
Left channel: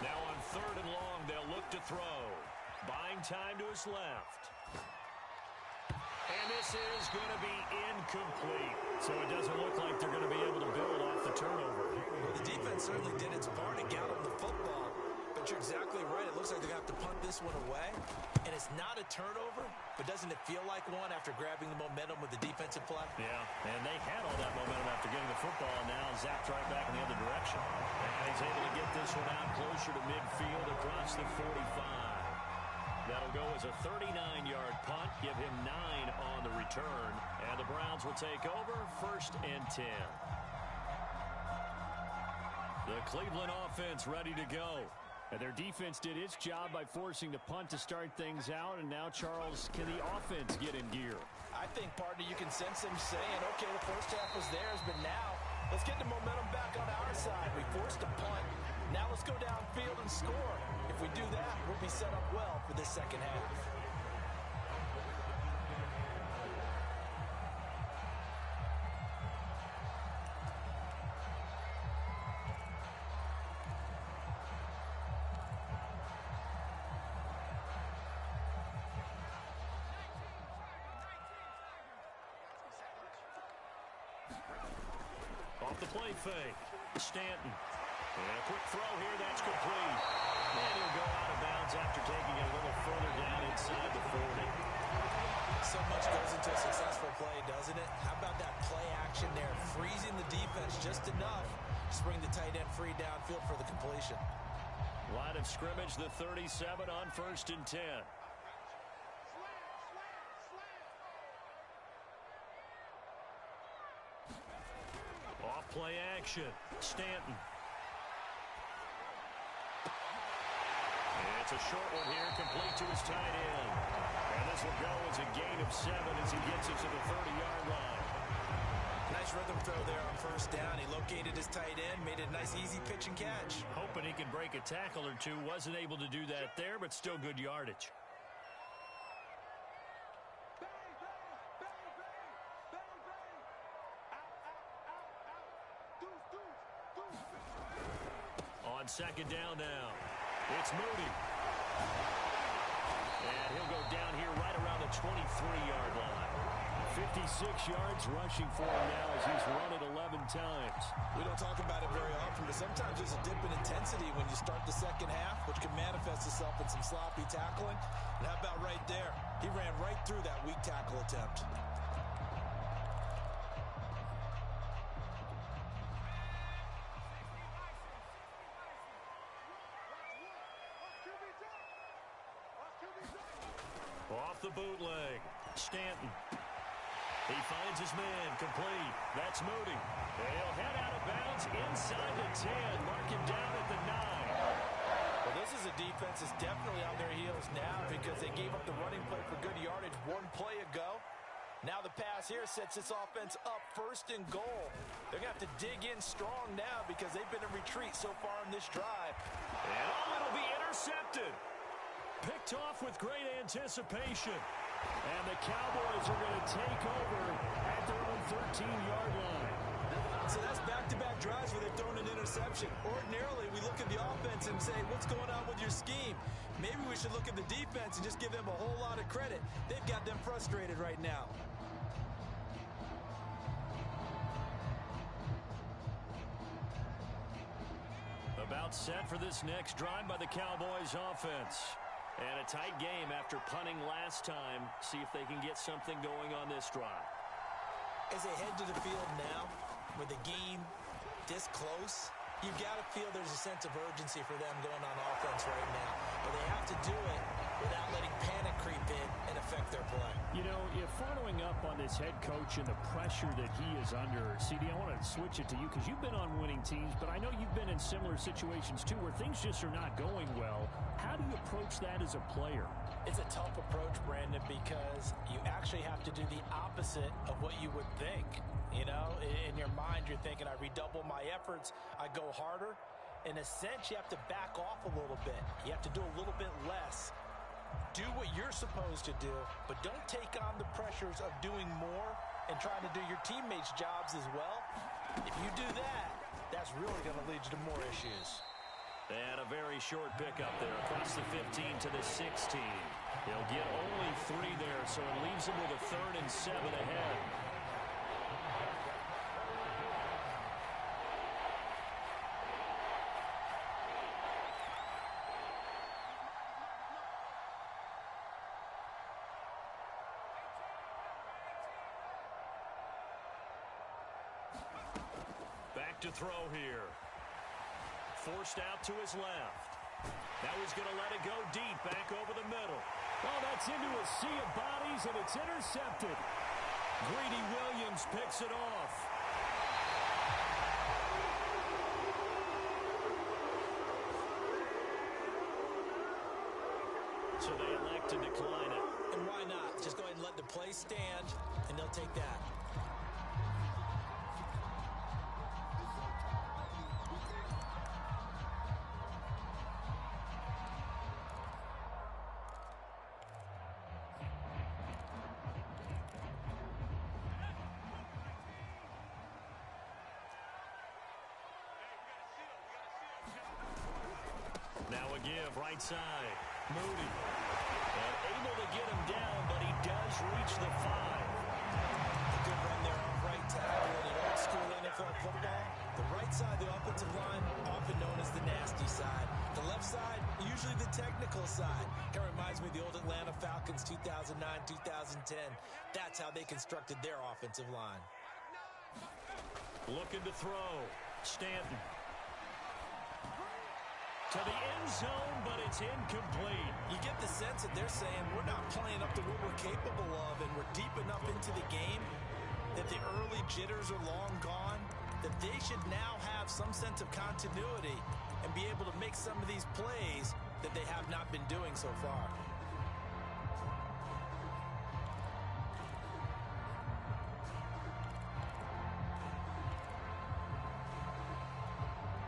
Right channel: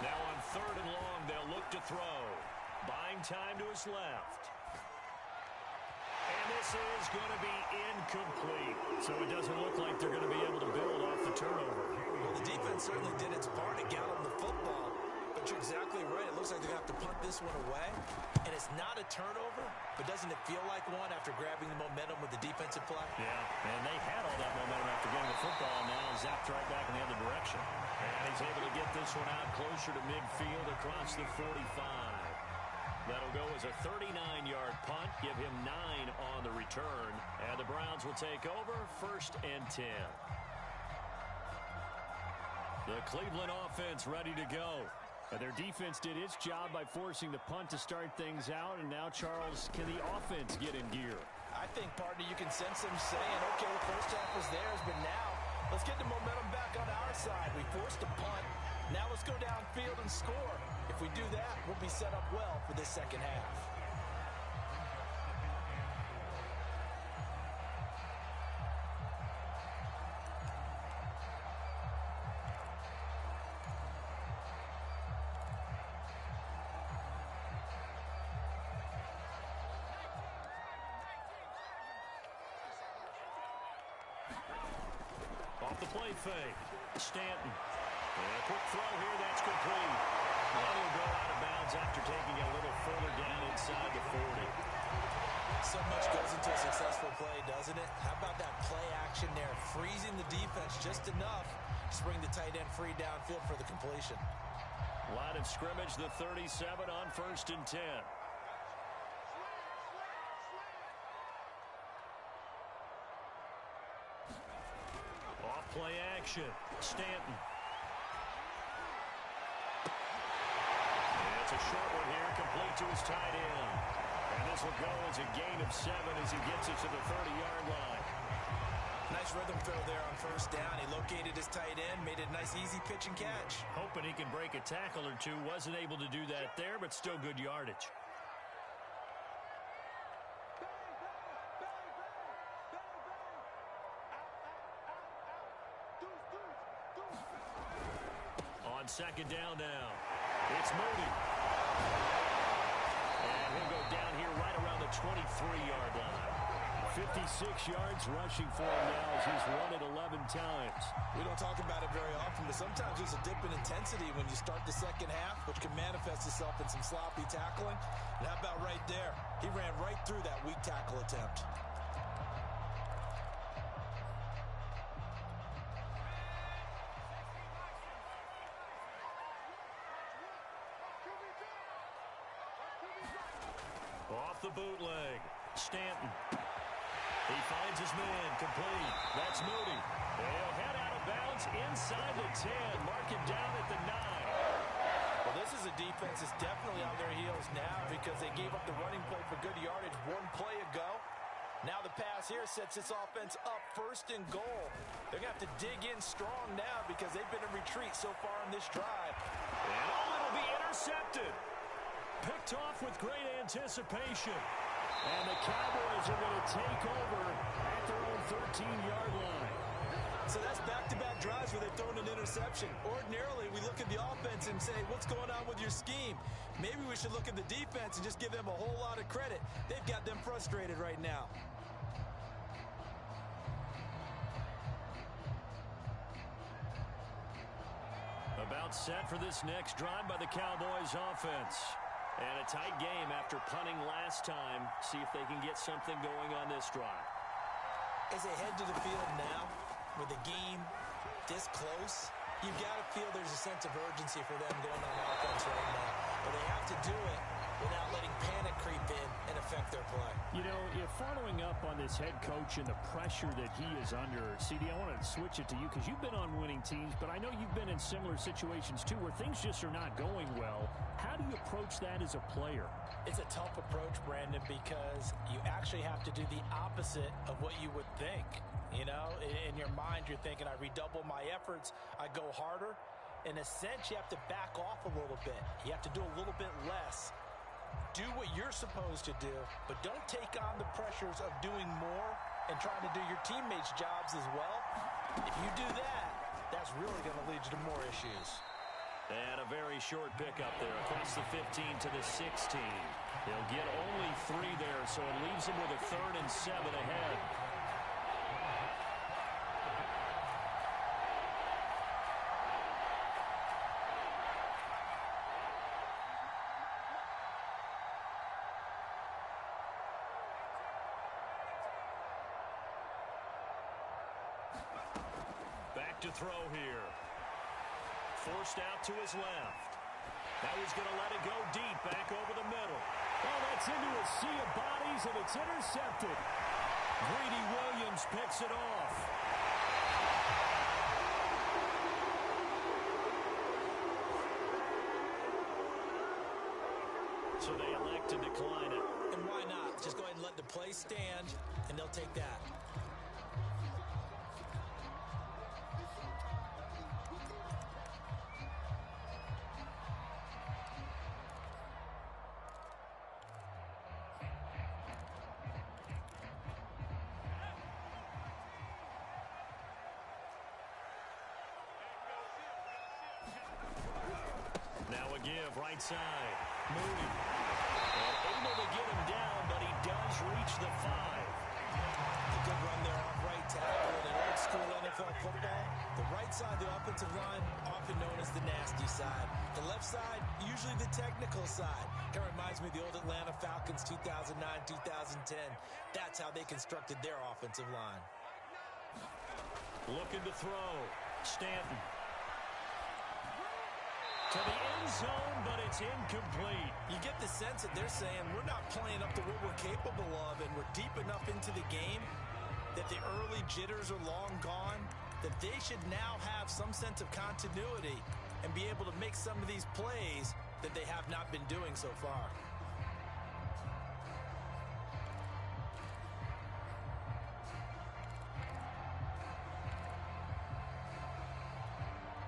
Now on third and long, they'll look to throw. Buying time to his left. And this is going to be incomplete. So it doesn't look like they're going to be able to build off the turnover. Well, the defense certainly did its part to gallop the football. But you're exactly right. It looks like they're going to have to punt this one away. And it's not a turnover, but doesn't it feel like one after grabbing the momentum with the defensive play? Yeah, and they had all that momentum after getting the football, now zapped right back in the other direction. And he's able to get this one out closer to midfield across the 45. That'll go as a 39-yard punt, give him 9 on the return. And the Browns will take over, 1st and 10. The Cleveland offense ready to go. And their defense did its job by forcing the punt to start things out. And now, Charles, can the offense get in gear? I think, partner, you can sense them saying, okay, the first half was theirs, but now let's get the momentum back on our side. We forced a punt. Now let's go downfield and score. If we do that, we'll be set up well for this second half. Off the play fake. Stanton. And a quick throw here. That's complete. And he'll go out of bounds after taking it a little further down inside the 40. So much goes into a successful play, doesn't it? How about that play action there? Freezing the defense just enough to bring the tight end free downfield for the completion. Line of scrimmage, the 37 on 1st and 10. Off play action. Stanton. It's a short one here, complete to his tight end. And this will go as a gain of 7 as he gets it to the 30-yard line. Nice rhythm throw there on 1st down. He located his tight end, made it a nice easy pitch and catch. Hoping he can break a tackle or two. Wasn't able to do that there, but still good yardage. On 2nd down now, it's Moody. And he'll go down here right around the 23-yard line. 56 yards rushing for him now as he's run it 11 times. We don't talk about it very often, but sometimes there's a dip in intensity when you start the second half, which can manifest itself in some sloppy tackling. And how about right there? He ran right through that weak tackle attempt. Off the bootleg, Stanton. He finds his man, complete. That's Moody. He'll head out of bounds inside the 10. Mark him down at the 9. Well, this is a defense that's definitely on their heels now because they gave up the running play for good yardage one play ago. Now the pass here sets this offense up 1st and goal. They're going to have to dig in strong now because they've been in retreat so far in this drive. And it'll be intercepted. Picked off with great anticipation. And the Cowboys are going to take over at their own 13-yard line. So that's back-to-back drives where they've thrown an interception. Ordinarily, we look at the offense and say, what's going on with your scheme? Maybe we should look at the defense and just give them a whole lot of credit. They've got them frustrated right now. About set for this next drive by the Cowboys offense. And a tight game after punting last time. See if they can get something going on this drive. As they head to the field now, with the game this close, you've got to feel there's a sense of urgency for them going on offense right now. But they have to do it without letting panic creep in and affect their play. You know, if following up on this head coach and the pressure that he is under, CD, I want to switch it to you because you've been on winning teams, but I know you've been in similar situations too where things just are not going well. How do you approach that as a player? It's a tough approach, Brandon, because you actually have to do the opposite of what you would think. You know, in your mind, you're thinking, I redouble my efforts, I go harder. In a sense, you have to back off a little bit. You have to do a little bit less. Do what you're supposed to do, but don't take on the pressures of doing more and trying to do your teammates' jobs as well. If you do that, that's really going to lead you to more issues. And a very short pickup there across the 15 to the 16. He'll get only 3 there, so it leaves him with a 3rd and 7 ahead. Back to throw here. Forced out to his left. Now he's going to let it go deep, back over the middle. Oh, that's into a sea of bodies, and it's intercepted. Greedy Williams picks it off. So they elect to decline it. And why not? Just go ahead and let the play stand, and they'll take that. Now a give, right side. Moody. And able to get him down, but he does reach the 5. A good run there off right tackle. In an old-school NFL football, the right side of the offensive line, often known as the nasty side. The left side, usually the technical side. Kind of reminds me of the old Atlanta Falcons 2009, 2010. That's how they constructed their offensive line. Looking to throw. Stanton. To the end zone, but it's incomplete. You get the sense that they're saying we're not playing up to what we're capable of, and we're deep enough into the game that the early jitters are long gone, that they should now have some sense of continuity and be able to make some of these plays that they have not been doing so far.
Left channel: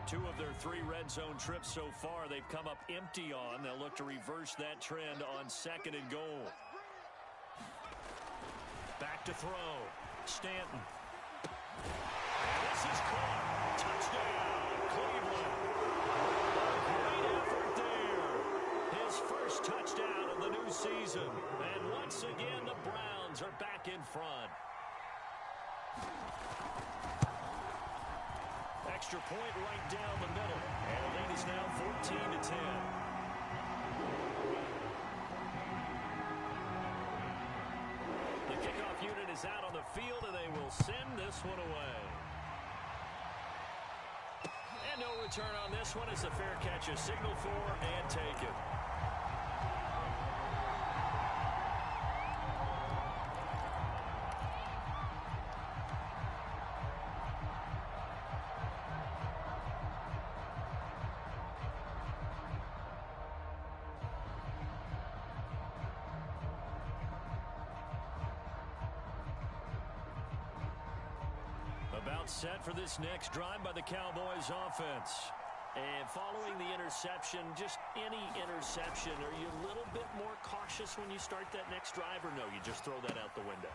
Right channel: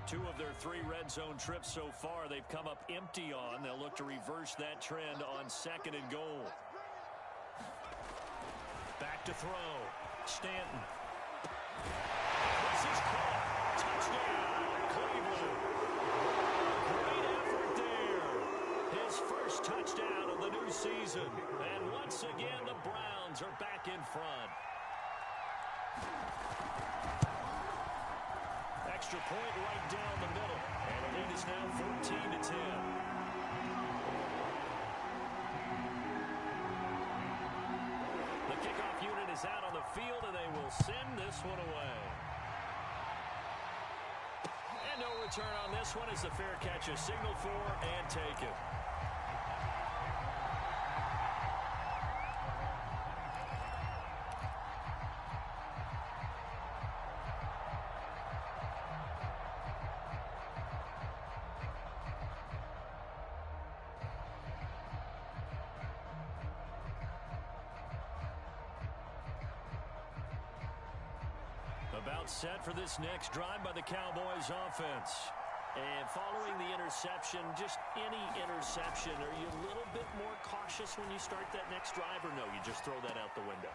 Two of their 3 red zone trips so far, they've come up empty on. They'll look to reverse that trend on 2nd and goal. Back to throw. Stanton. And this is caught. Touchdown, Cleveland. Great effort there. His first touchdown of the new season. And once again, the Browns are back in front. Extra point right down the middle. And the lead is now 14-10. The kickoff unit is out on the field, and they will send this one away. And no return on this one as the fair catch is signaled for and taken. About set for this next drive by the Cowboys offense. And following the interception, just any interception, are you a little bit more cautious when you start that next drive, or no, you just throw that out the window?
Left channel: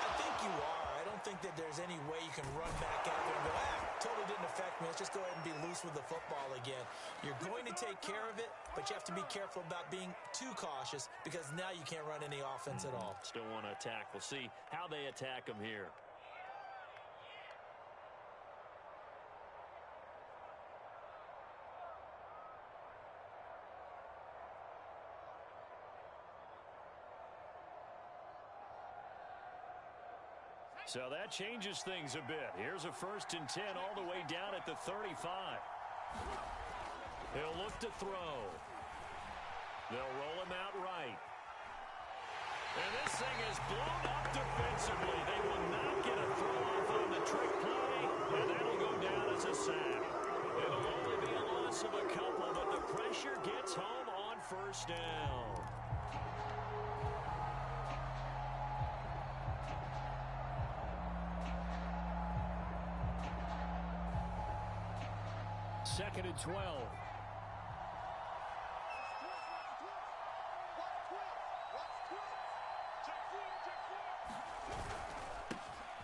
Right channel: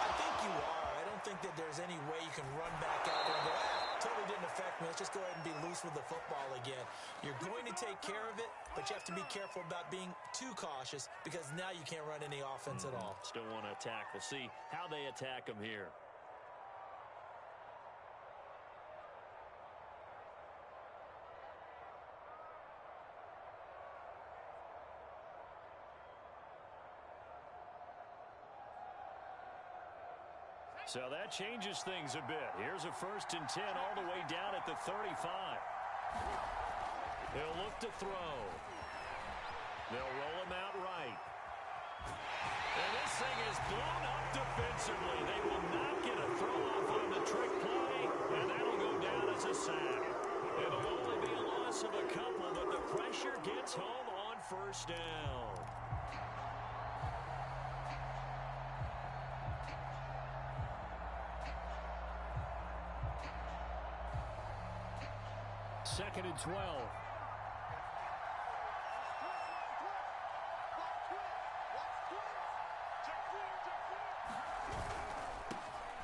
I think you are. I don't think that there's any way you can run back out there and go, totally didn't affect me. Let's just go ahead and be loose with the football again. You're going to take care of it, but you have to be careful about being too cautious because now you can't run any offense at all. Still want to attack. We'll see how they attack them here. So that changes things a bit. Here's a 1st and 10 all the way down at the 35. He'll look to throw. They'll roll him out right. And this thing is blown up defensively. They will not get a throw off on the trick play, and that'll go down as a sack. It'll only be a loss of a couple, but the pressure gets home on 1st down. Second and 12.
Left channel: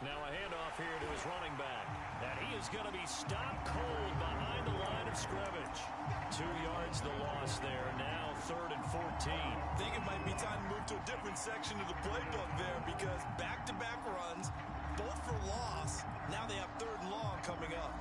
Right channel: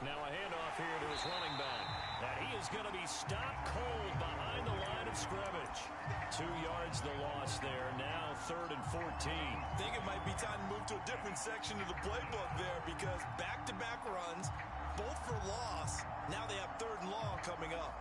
Now a handoff here to his running back. And he is going to be stopped cold behind the line of scrimmage. 2 yards the loss there. Now 3rd and 14. I think it might be time to move to a different section of the playbook there because back-to-back runs, both for loss. Now they have 3rd and long coming up.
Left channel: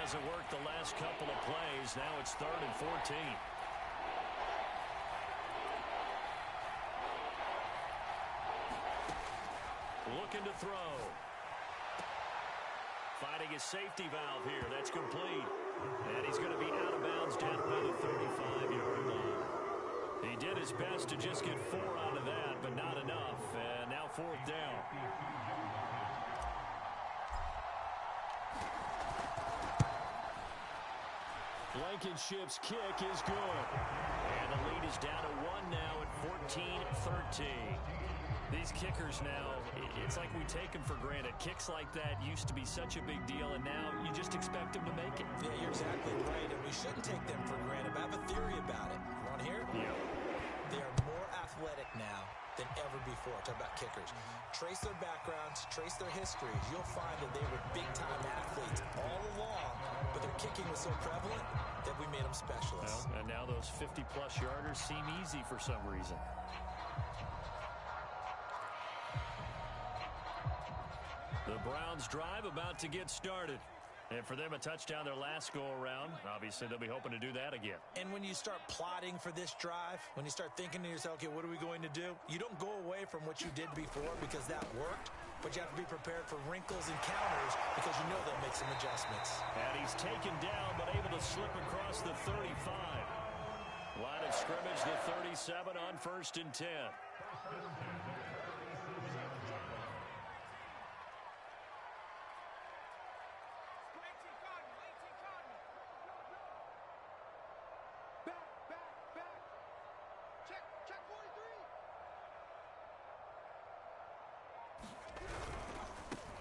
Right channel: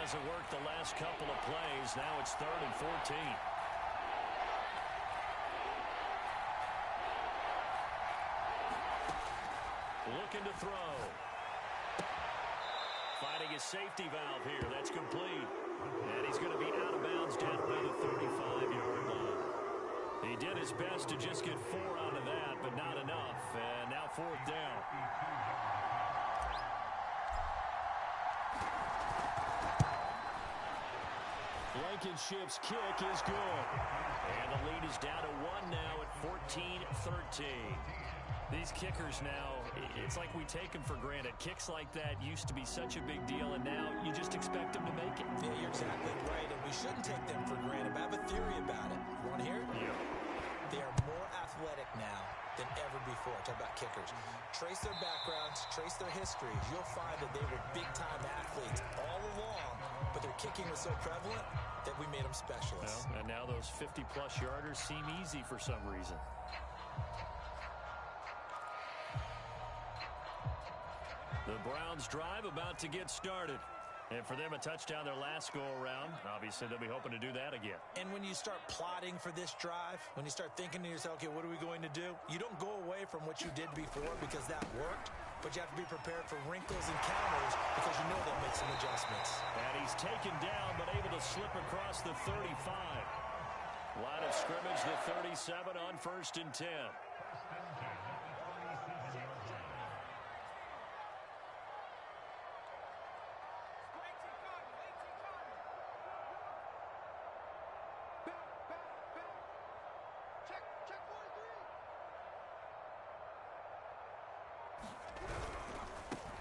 Hasn't worked the last couple of plays. Now it's 3rd and 14. Looking to throw. Finding his safety valve here. That's complete. And he's going to be out of bounds down by the 35-yard line. He did his best to just get 4 out of that, but not enough. And now 4th down. Blankenship's kick is good. And the lead is down to 1 now at 14-13. These kickers now, it's like we take them for granted. Kicks like that used to be such a big deal, and now you just expect them to make it. Yeah, you're exactly right, and we shouldn't take them for granted, but I have a theory about it. You want to hear it? Yeah. They are more athletic now than ever before. Talk about kickers. Trace their backgrounds, trace their histories. You'll find that they were big-time athletes all along, but their kicking was so prevalent that we made them specialists. Well, and now those 50-plus yarders seem easy for some reason. The Browns drive about to get started. And for them, a touchdown their last go-around. Obviously, they'll be hoping to do that again. And when you start plotting for this drive, when you start thinking to yourself, okay, what are we going to do? You don't go away from what you did before because that worked, but you have to be prepared for wrinkles and counters because you know they'll make some adjustments. And he's taken down, but able to slip across the 35. Line of scrimmage, the 37 on 1st and 10.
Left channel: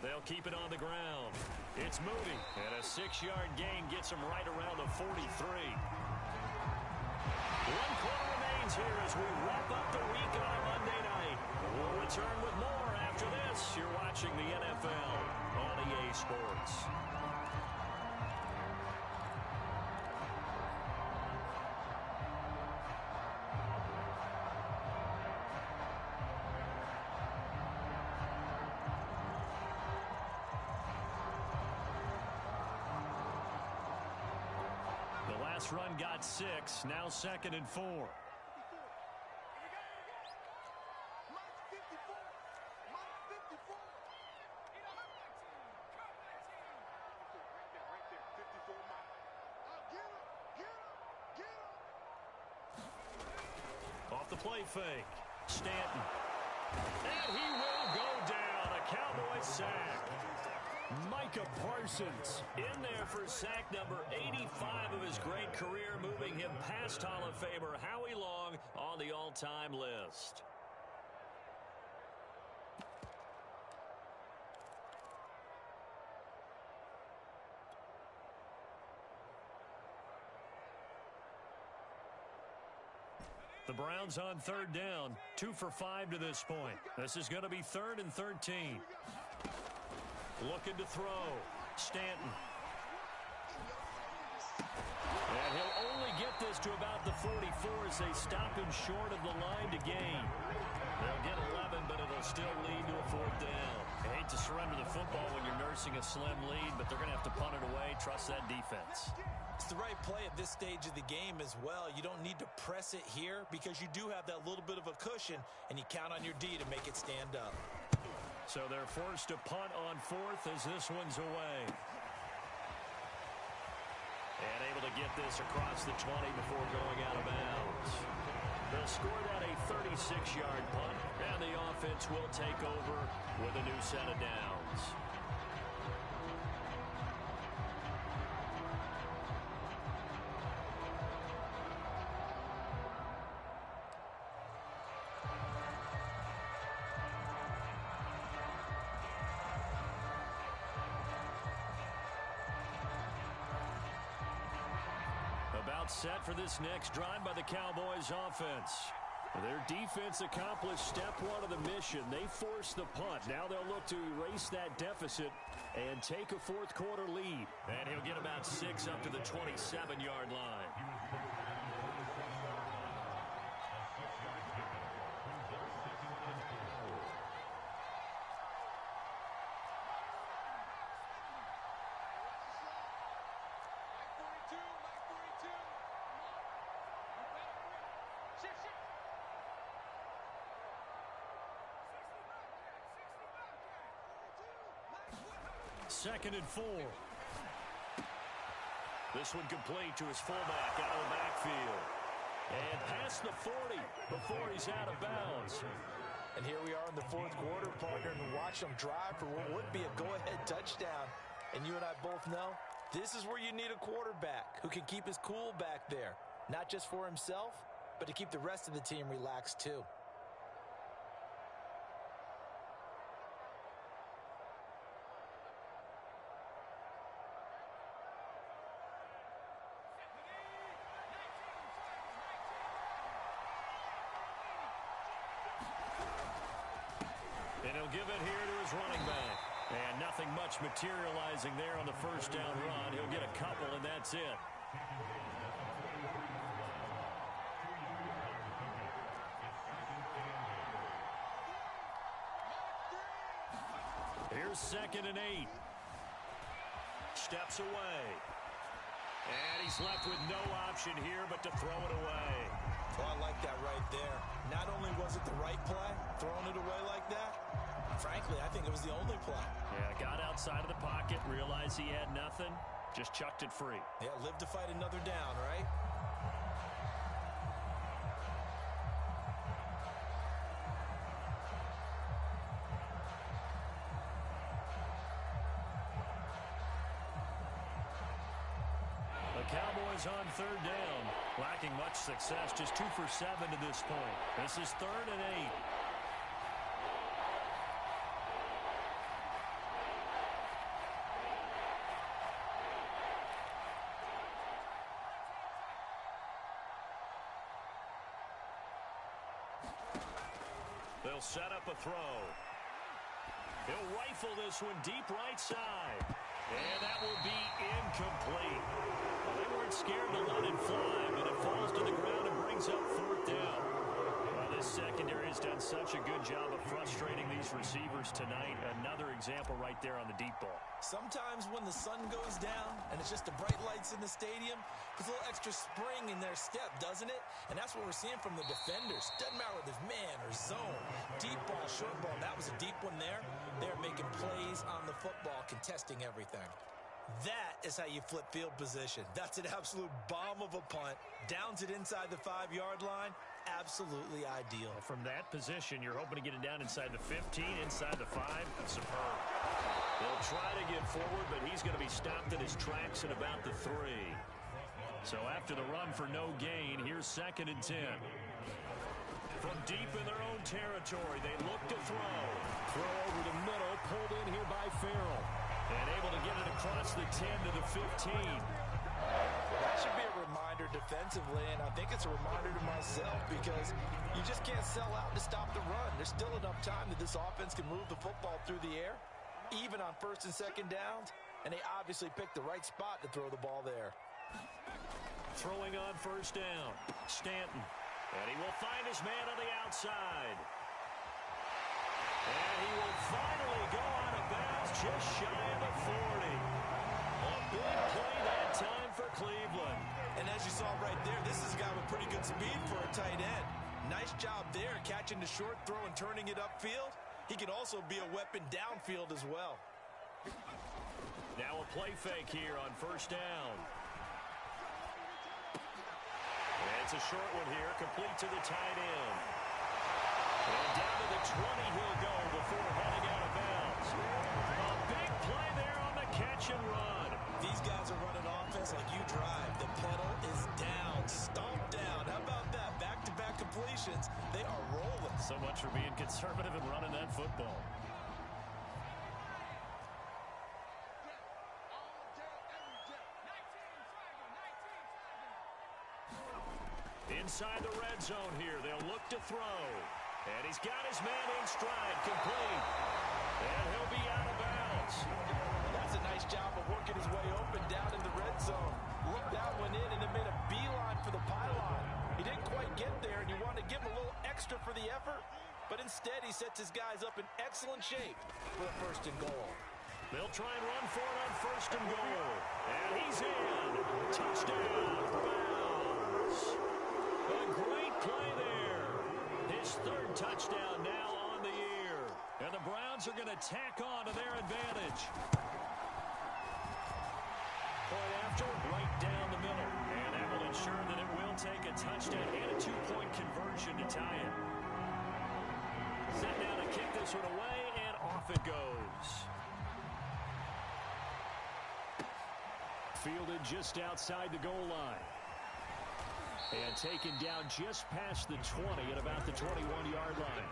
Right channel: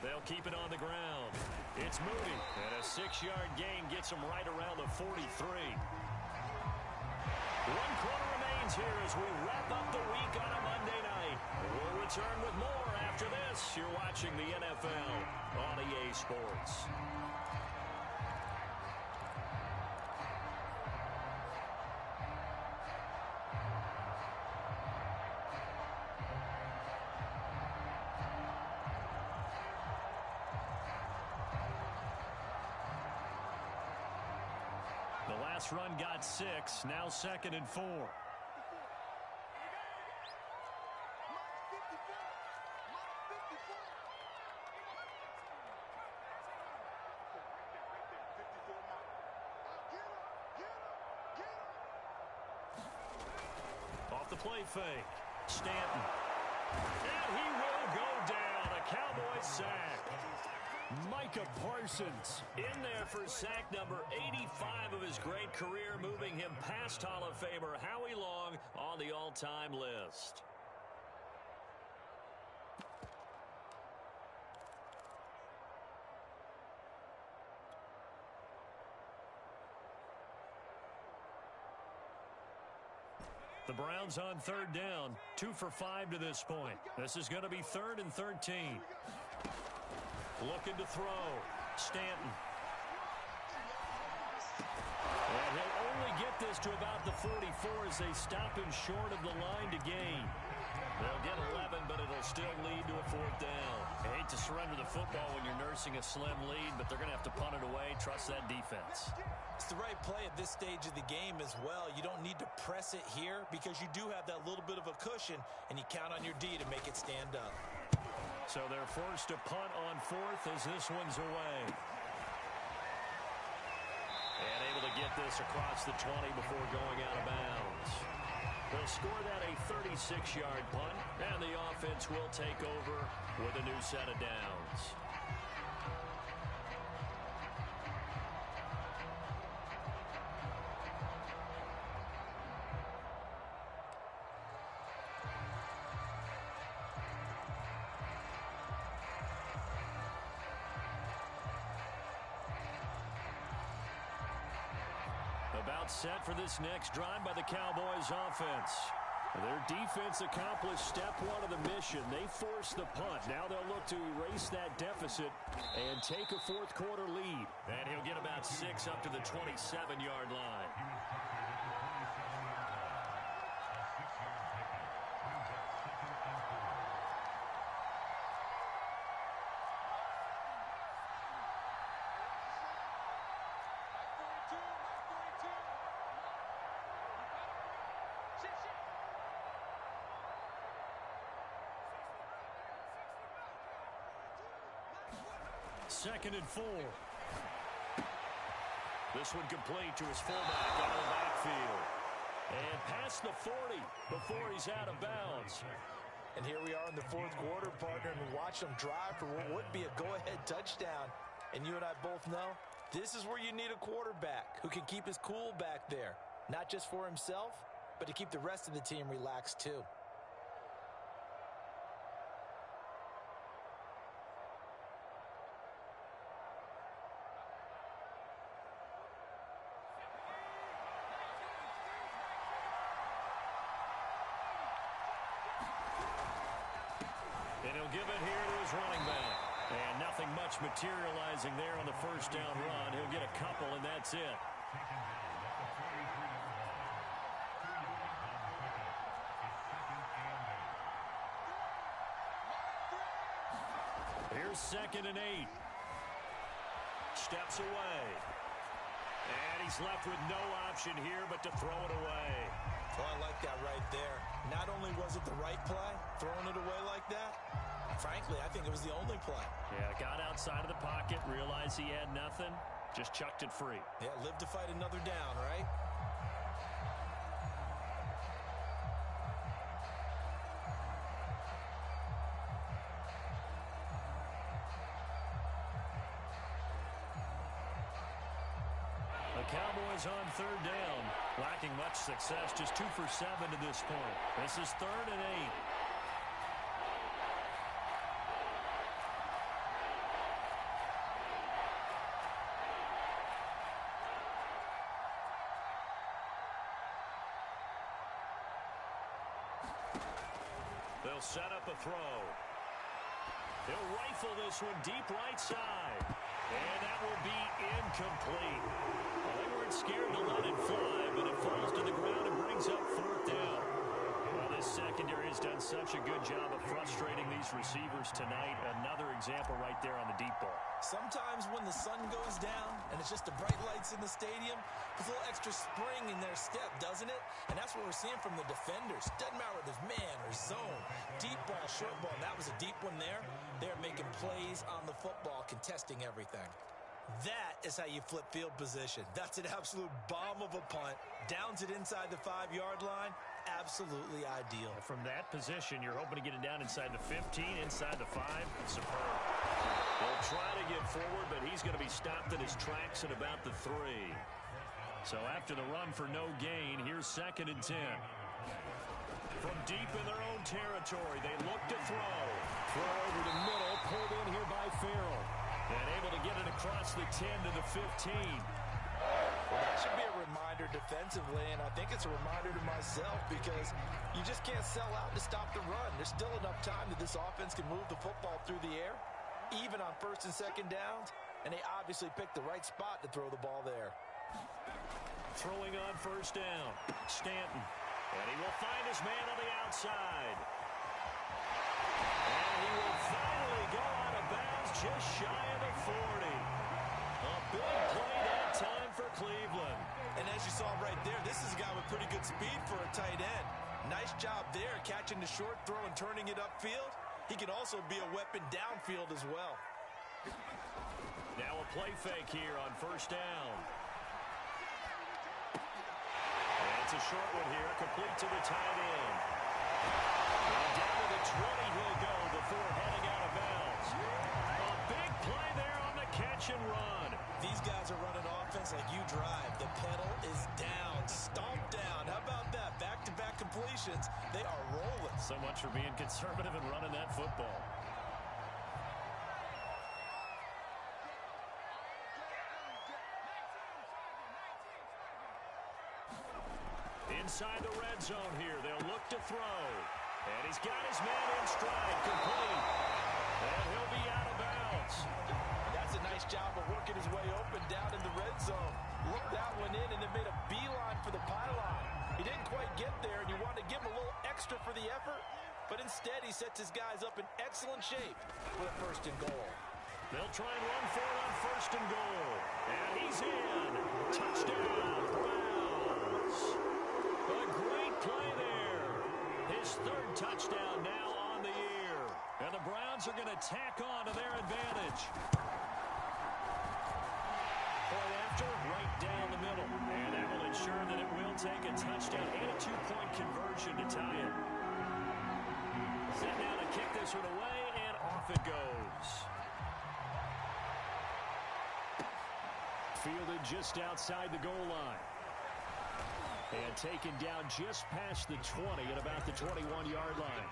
They'll keep it on the ground. It's Moody, and a 6-yard gain gets him right around the 43. 1 quarter remains here as we wrap up the week on a Monday night. We'll return with more after this. You're watching the NFL on EA Sports. The last run got 6, now 2nd and 4. Mike's 54. Mike's 54. Right there. 54 Mike. Get him. Off the play fake. Stanton. And he will go down. A Cowboy sack. Micah Parsons in there for sack number 85 of his great career, moving him past Hall of Famer Howie Long on the all-time list. The Browns on 3rd down, 2 for 5 to this point. This is going to be 3rd and 13. Looking to throw. Stanton. And he'll only get this to about the 44 as they stop him short of the line to gain. They'll get 11, but it'll still lead to a 4th down. I hate to surrender the football when you're nursing a slim lead, but they're going to have to punt it away. Trust that defense. It's the right play at this stage of the game as well. You don't need to press it here because you do have that little bit of a cushion, and you count on your D to make it stand up. So they're forced to punt on 4th as this one's away. And able to get this across the 20 before going out of bounds. They'll score that a 36-yard punt, and the offense will take over with a new set of downs. About set for this next drive by the Cowboys offense. Their defense accomplished step 1 of the mission. They forced the punt. Now they'll look to erase that deficit and take a 4th quarter lead. And he'll get about 6 up to the 27-yard line. Second and 4. This one complete to his fullback out of the backfield. And past the 40 before he's out of bounds. And here we are in the 4th quarter, partner, and watch them drive for what would be a go-ahead touchdown. And you and I both know this is where you need a quarterback who can keep his cool back there. Not just for himself, but to keep the rest of the team relaxed too. He'll give it here to his running back. And nothing much materializing there on the first down run. He'll get a couple, and that's it. Here's 2nd and 8. Steps away. And he's left with no option here but to throw it away. Oh, I like that right there. Not only was it the right play, throwing it away like that, frankly, I think it was the only play. Yeah, got outside of the pocket, realized he had nothing, just chucked it free. Yeah, live to fight another down, right? The Cowboys on 3rd down. Lacking much success, just 2 for 7 to this point. This is 3rd and 8. They'll set up a throw. He'll rifle this one deep right side. And that will be incomplete. Well, they weren't scared to let it fly, but it falls to the ground and brings up 4th down. Well, this secondary has done such a good job of frustrating these receivers tonight. Another example right there on the deep ball. Sometimes when the sun goes down and it's just the bright lights in the stadium, puts a little extra spring in their step, doesn't it? And that's what we're seeing from the defenders. Doesn't matter whether there's man or zone, deep ball, short ball. That was a deep one there. They're making plays on the football, contesting everything. That is how you flip field position. That's an absolute bomb of a punt. Downs it inside the 5-yard line. Absolutely ideal. From that position, you're hoping to get it down inside the 15, inside the 5. Superb. They'll try to get forward, but he's going to be stopped in his tracks at about the 3. So after the run for no gain, here's 2nd and 10. From deep in their own territory, they look to throw. Throw over the middle, pulled in here by Farrell. And able to get it across the 10 to the 15. Well, that should be a reminder defensively, and I think it's a reminder to myself because you just can't sell out to stop the run. There's still enough time that this offense can move the football through the air, even on 1st and 2nd downs, and they obviously picked the right spot to throw the ball there. Throwing on 1st down, Stanton. And he will find his man on the outside. And he will finally go out of bounds just shy of the 40. A big play that time for Cleveland. And as you saw right there, this is a guy with pretty good speed for a tight end. Nice job there catching the short throw and turning it upfield. He can also be a weapon downfield as well. Now a play fake here on 1st down. And it's a short one here, complete to the tight end. And down to the 20 he'll go before heading out of bounds. A big play there on the catch and run. These guys are running offense like you drive. The pedal is down, stomped down. How about that? Back-to-back completions. They are rolling. So much for being conservative and running that football. Inside the red zone here, they'll look to throw. And he's got his man in stride, complete. And he'll be out of bounds. That's a nice job of working his way open down in the red zone. Looked that one in and then made a beeline for the pylon. He didn't quite get there, and you want to give him a little extra for the effort. But instead, he sets his guys up in excellent shape for the 1st and goal. They'll try and run for it on 1st and goal. And he's in. Touchdown, Browns. A great play there. His 3rd touchdown now on the year. And the Browns are going to tack on to their advantage. Point after, right down the middle. And that will ensure that it will take a touchdown and a 2-point conversion to tie it. Set now to kick this one away, and off it goes. Fielded just outside the goal line. And taken down just past the 20 at about the 21-yard line.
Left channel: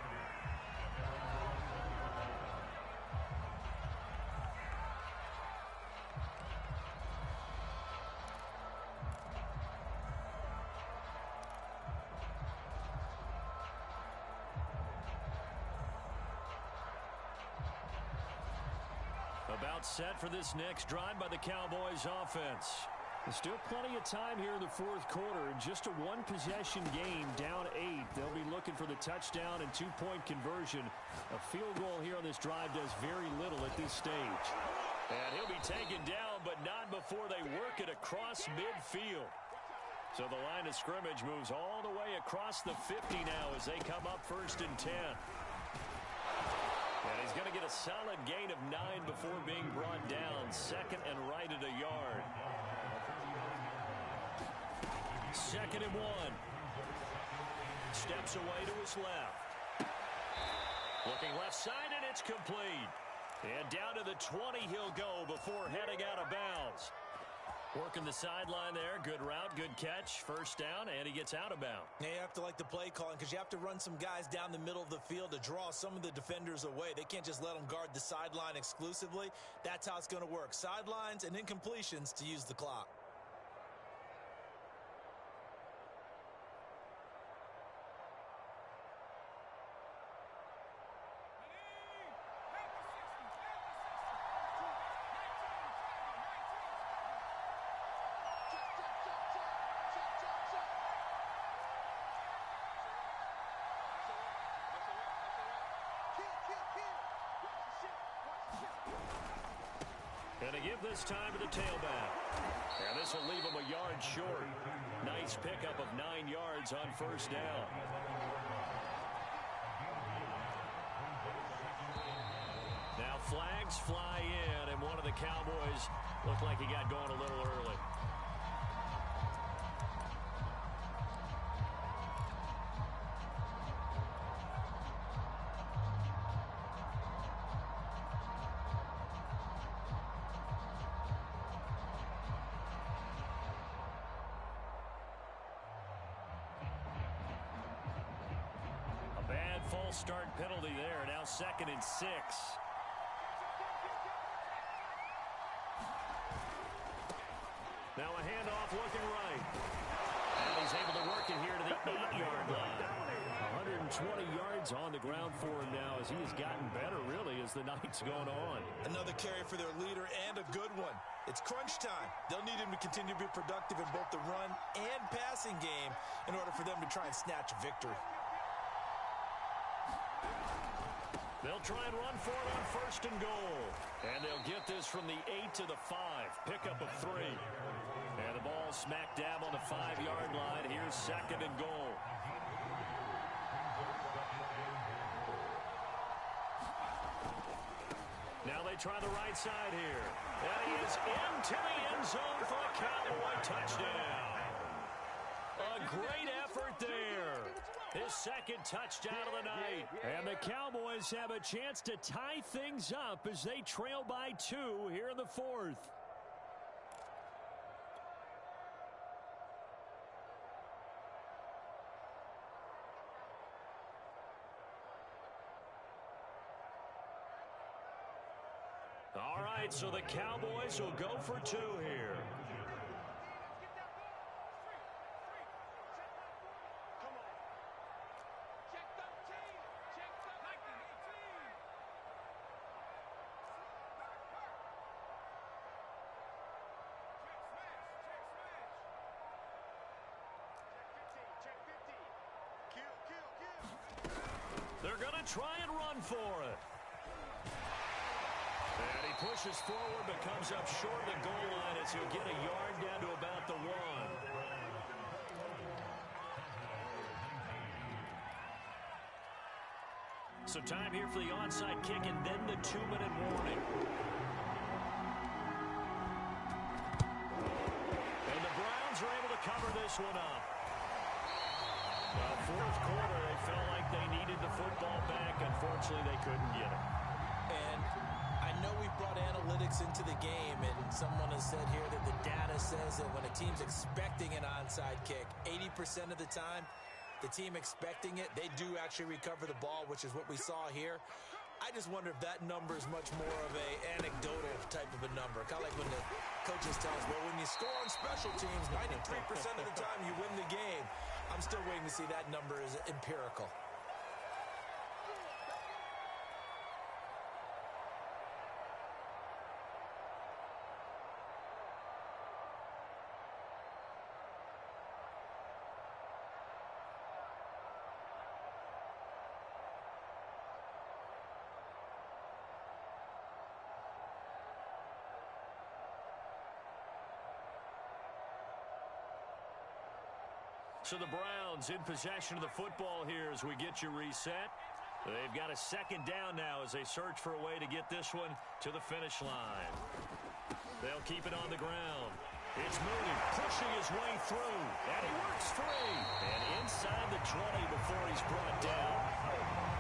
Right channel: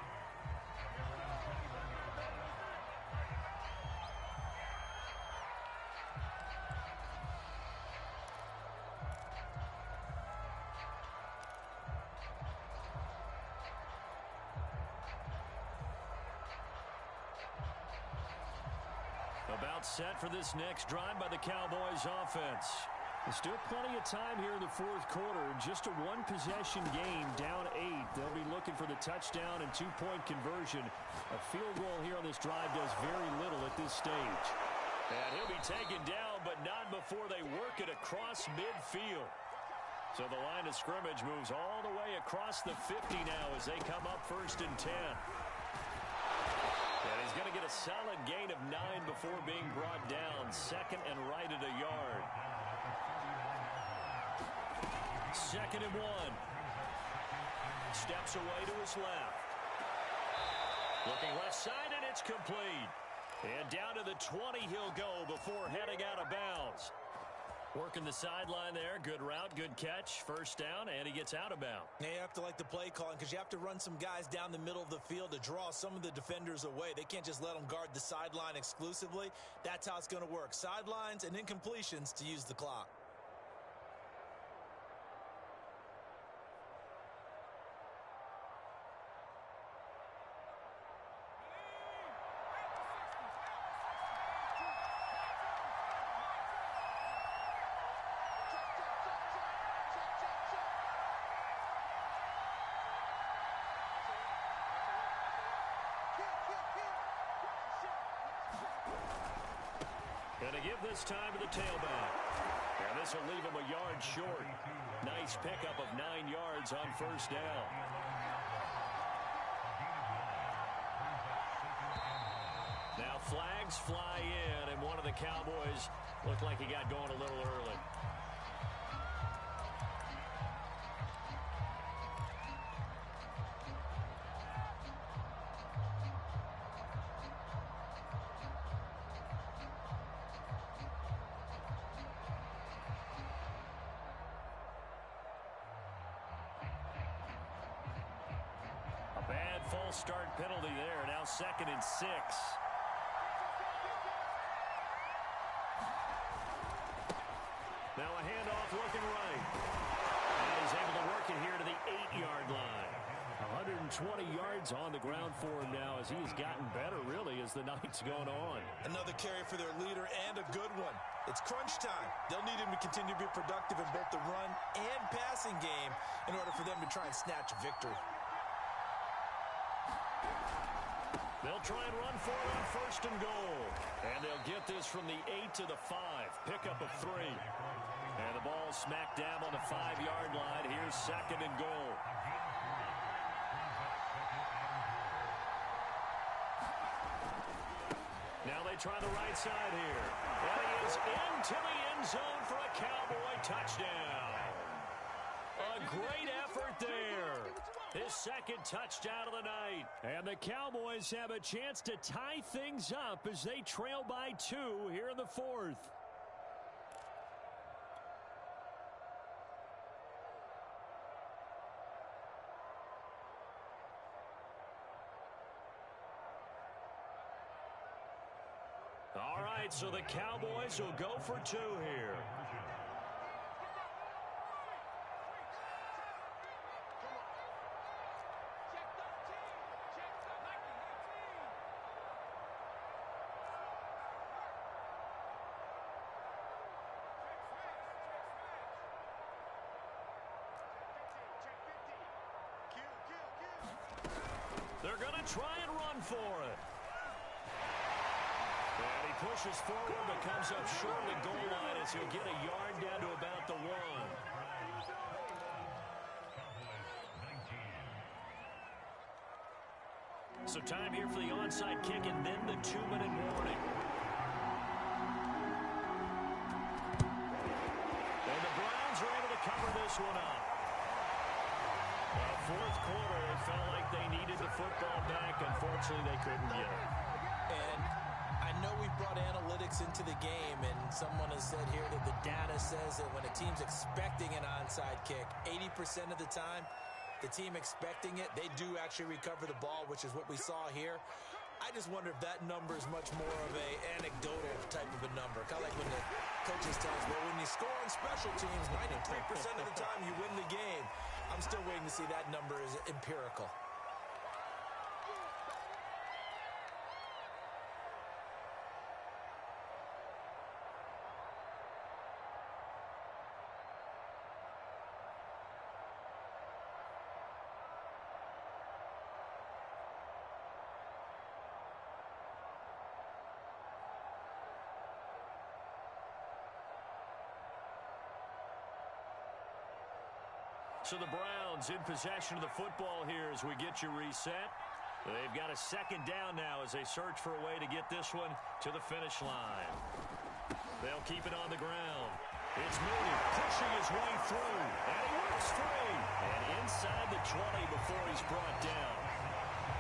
About set for this next drive by the Cowboys offense. There's still plenty of time here in the fourth quarter. Just a one-possession game, down 8. They'll be looking for the touchdown and two-point conversion. A field goal here on this drive does very little at this stage. And he'll be taken down, but not before they work it across midfield. So the line of scrimmage moves all the way across the 50 now as they come up 1st and 10. And he's going to get a solid gain of 9 before being brought down. 2nd and right at a yard. 2nd and 1. Steps away to his left. Looking left side, and it's complete. And down to the 20 he'll go before heading out of bounds. Working the sideline there. Good route, good catch. 1st down, and he gets out of bounds. Yeah, you have to like the play calling because you have to run some guys down the middle of the field to draw some of the defenders away. They can't just let them guard the sideline exclusively. That's how it's going to work. Sidelines and incompletions to use the clock. Going to give this time to the tailback. And this will leave him a yard short. Nice pickup of 9 yards on 1st down. Now flags fly in, and one of the Cowboys looked like he got going a little early. Bad false start penalty there. Now 2nd and 6. Now a handoff looking right. And he's able to work it here to the 8-yard line. 120 yards on the ground for him now as he has gotten better, really, as the night's gone on. Another carry for their leader and a good one. It's crunch time. They'll need him to continue to be productive in both the run and passing game in order for them to try and snatch a victory. They'll try and run for it on 1st and goal. And they'll get this from the 8 to the 5. Pickup of 3. And the ball smack dab on the 5-yard line. Here's 2nd and goal. Now they try the right side here. And he is into the end zone for a Cowboy touchdown. A great effort there. His 2nd touchdown of the night. And the Cowboys have a chance to tie things up as they trail by 2 here in the 4th. All right, so the Cowboys will go for 2 here. They're going to try and run for it. And he pushes forward but comes up short of the goal line as he'll get a yard down to about the 1. So time here for the onside kick and then the 2-minute warning. And the Browns are able to cover this one up. Well, 4th quarter, they felt like they needed the football back. Unfortunately, they couldn't get it. And I know we brought analytics into the game, and someone has said here that the data says that when a team's expecting an onside kick, 80% of the time, the team expecting it, they do actually recover the ball, which is what we saw here. I just wonder if that number is much more of a anecdotal type of a number. Kind of like when the coaches tell us, well, when you score on special teams, 93% of the time you win the game. I'm still waiting to see that number is empirical. So the Browns in possession of the football here as we get you reset. They've got a second down now as they search for a way to get this one to the finish line. They'll keep it on the ground. It's Mooney pushing his way through, and he works free. And inside the 20 before he's brought down.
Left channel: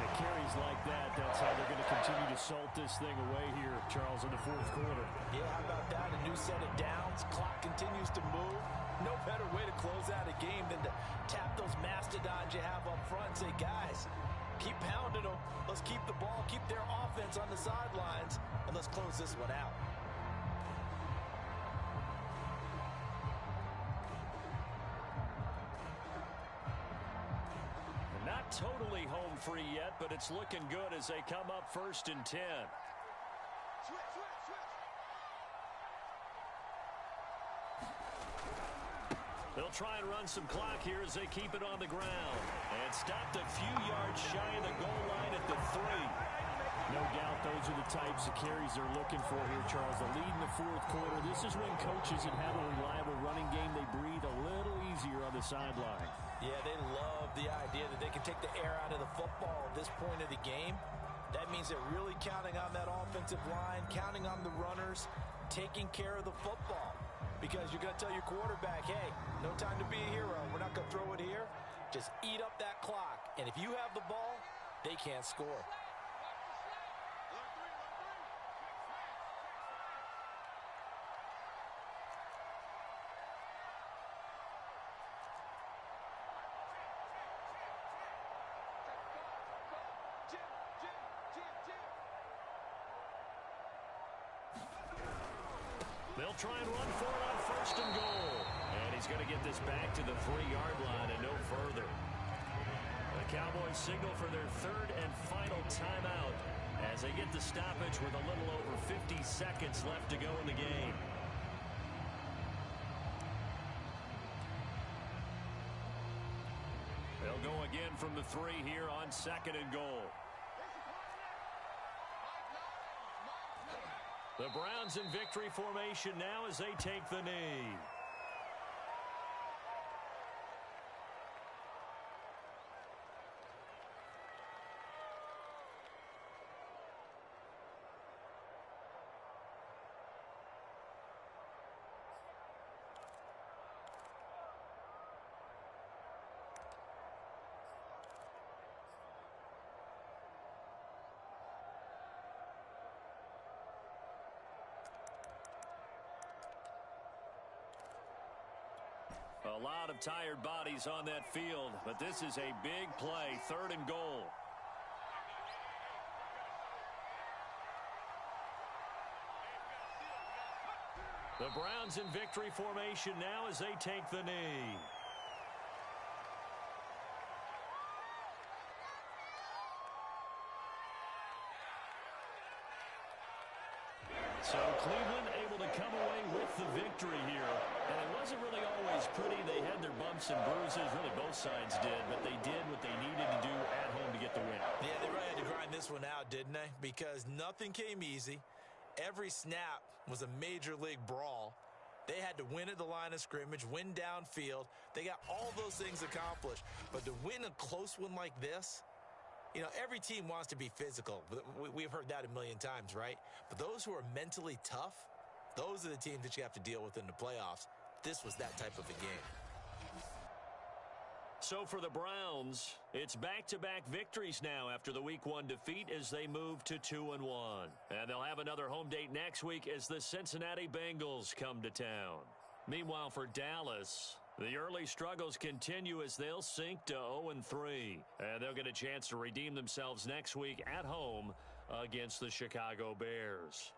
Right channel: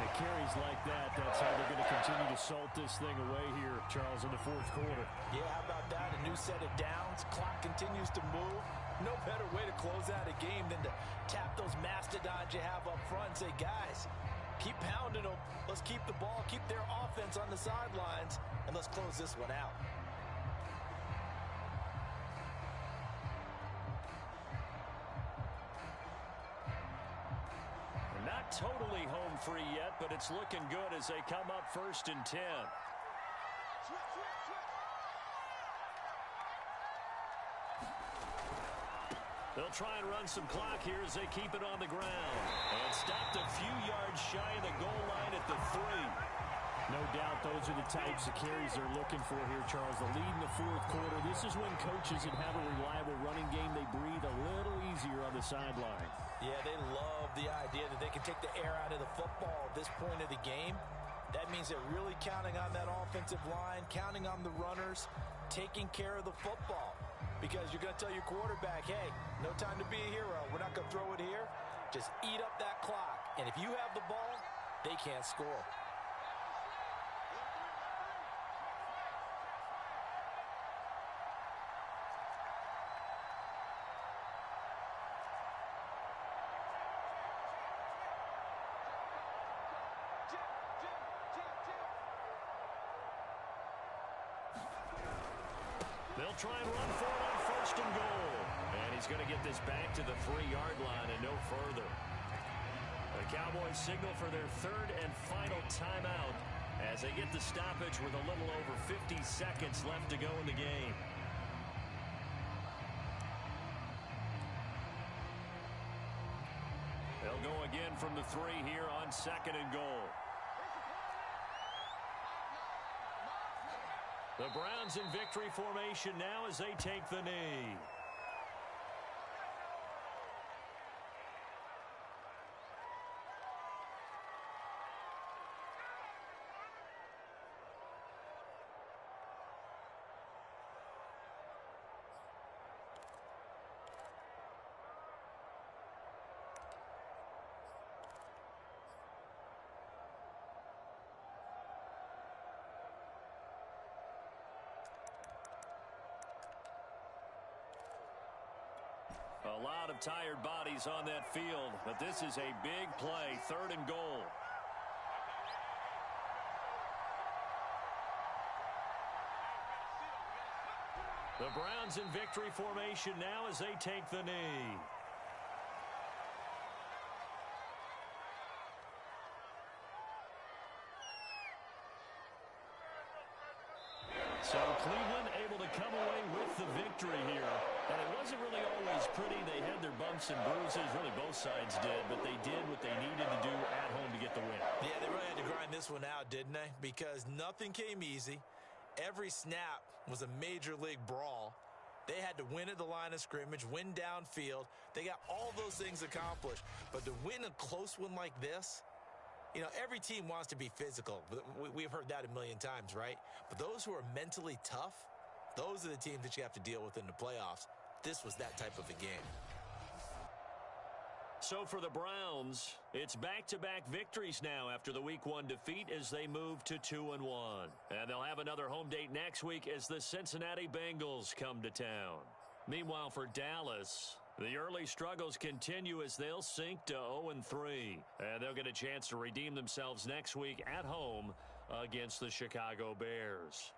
And carries like that, that's how they're going to continue to salt this thing away here, Charles, in the fourth quarter. Yeah, how about that? A new set of downs. Clock continues to move. No better way to close out a game than to tap those mastodons you have up front and say, guys, keep pounding them. Let's keep the ball, keep their offense on the sidelines, and let's close this one out. Not totally home free yet, but it's looking good as they come up 1st and 10. Switch. They'll try and run some clock here as they keep it on the ground. And stopped a few yards shy of the goal line at the 3. No doubt those are the types of carries they're looking for here, Charles. The lead in the fourth quarter. This is when coaches that have a reliable running game, they breathe a little easier on the sideline. Yeah, they love the idea that they can take the air out of the football at this point of the game. That means they're really counting on that offensive line, counting on the runners, taking care of the football. Because you're going to tell your quarterback, hey, no time to be a hero. We're not going to throw it here. Just eat up that clock. And if you have the ball, they can't score. They'll try and run for it on 1st and goal. And he's going to get this back to the 3-yard line and no further. The Cowboys signal for their 3rd and final timeout as they get the stoppage with a little over 50 seconds left to go in the game. They'll go again from the 3 here on 2nd and goal. The Browns in victory formation now as they take the knee. A lot of tired bodies on that field, but this is a big play, 3rd and goal. The Browns in victory formation now as they take the knee. So Cleveland able to come away with the victory here. And it wasn't really always pretty. They had their bumps and bruises. Really both sides did. But they did what they needed to do at home to get the win. Yeah, they really had to grind this one out, didn't they? Because nothing came easy. Every snap was a major league brawl. They had to win at the line of scrimmage, win downfield. They got all those things accomplished. But to win a close one like this, you know, every team wants to be physical. We've heard that a million times, right? But those who are mentally tough, those are the teams that you have to deal with in the playoffs. This was that type of a game. So for the Browns, it's back-to-back victories now after the Week 1 defeat as they move to 2-1. And they'll have another home date next week as the Cincinnati Bengals come to town. Meanwhile, for Dallas, the early struggles continue as they'll sink to 0-3. And they'll get a chance to redeem themselves next week at home against the Chicago Bears.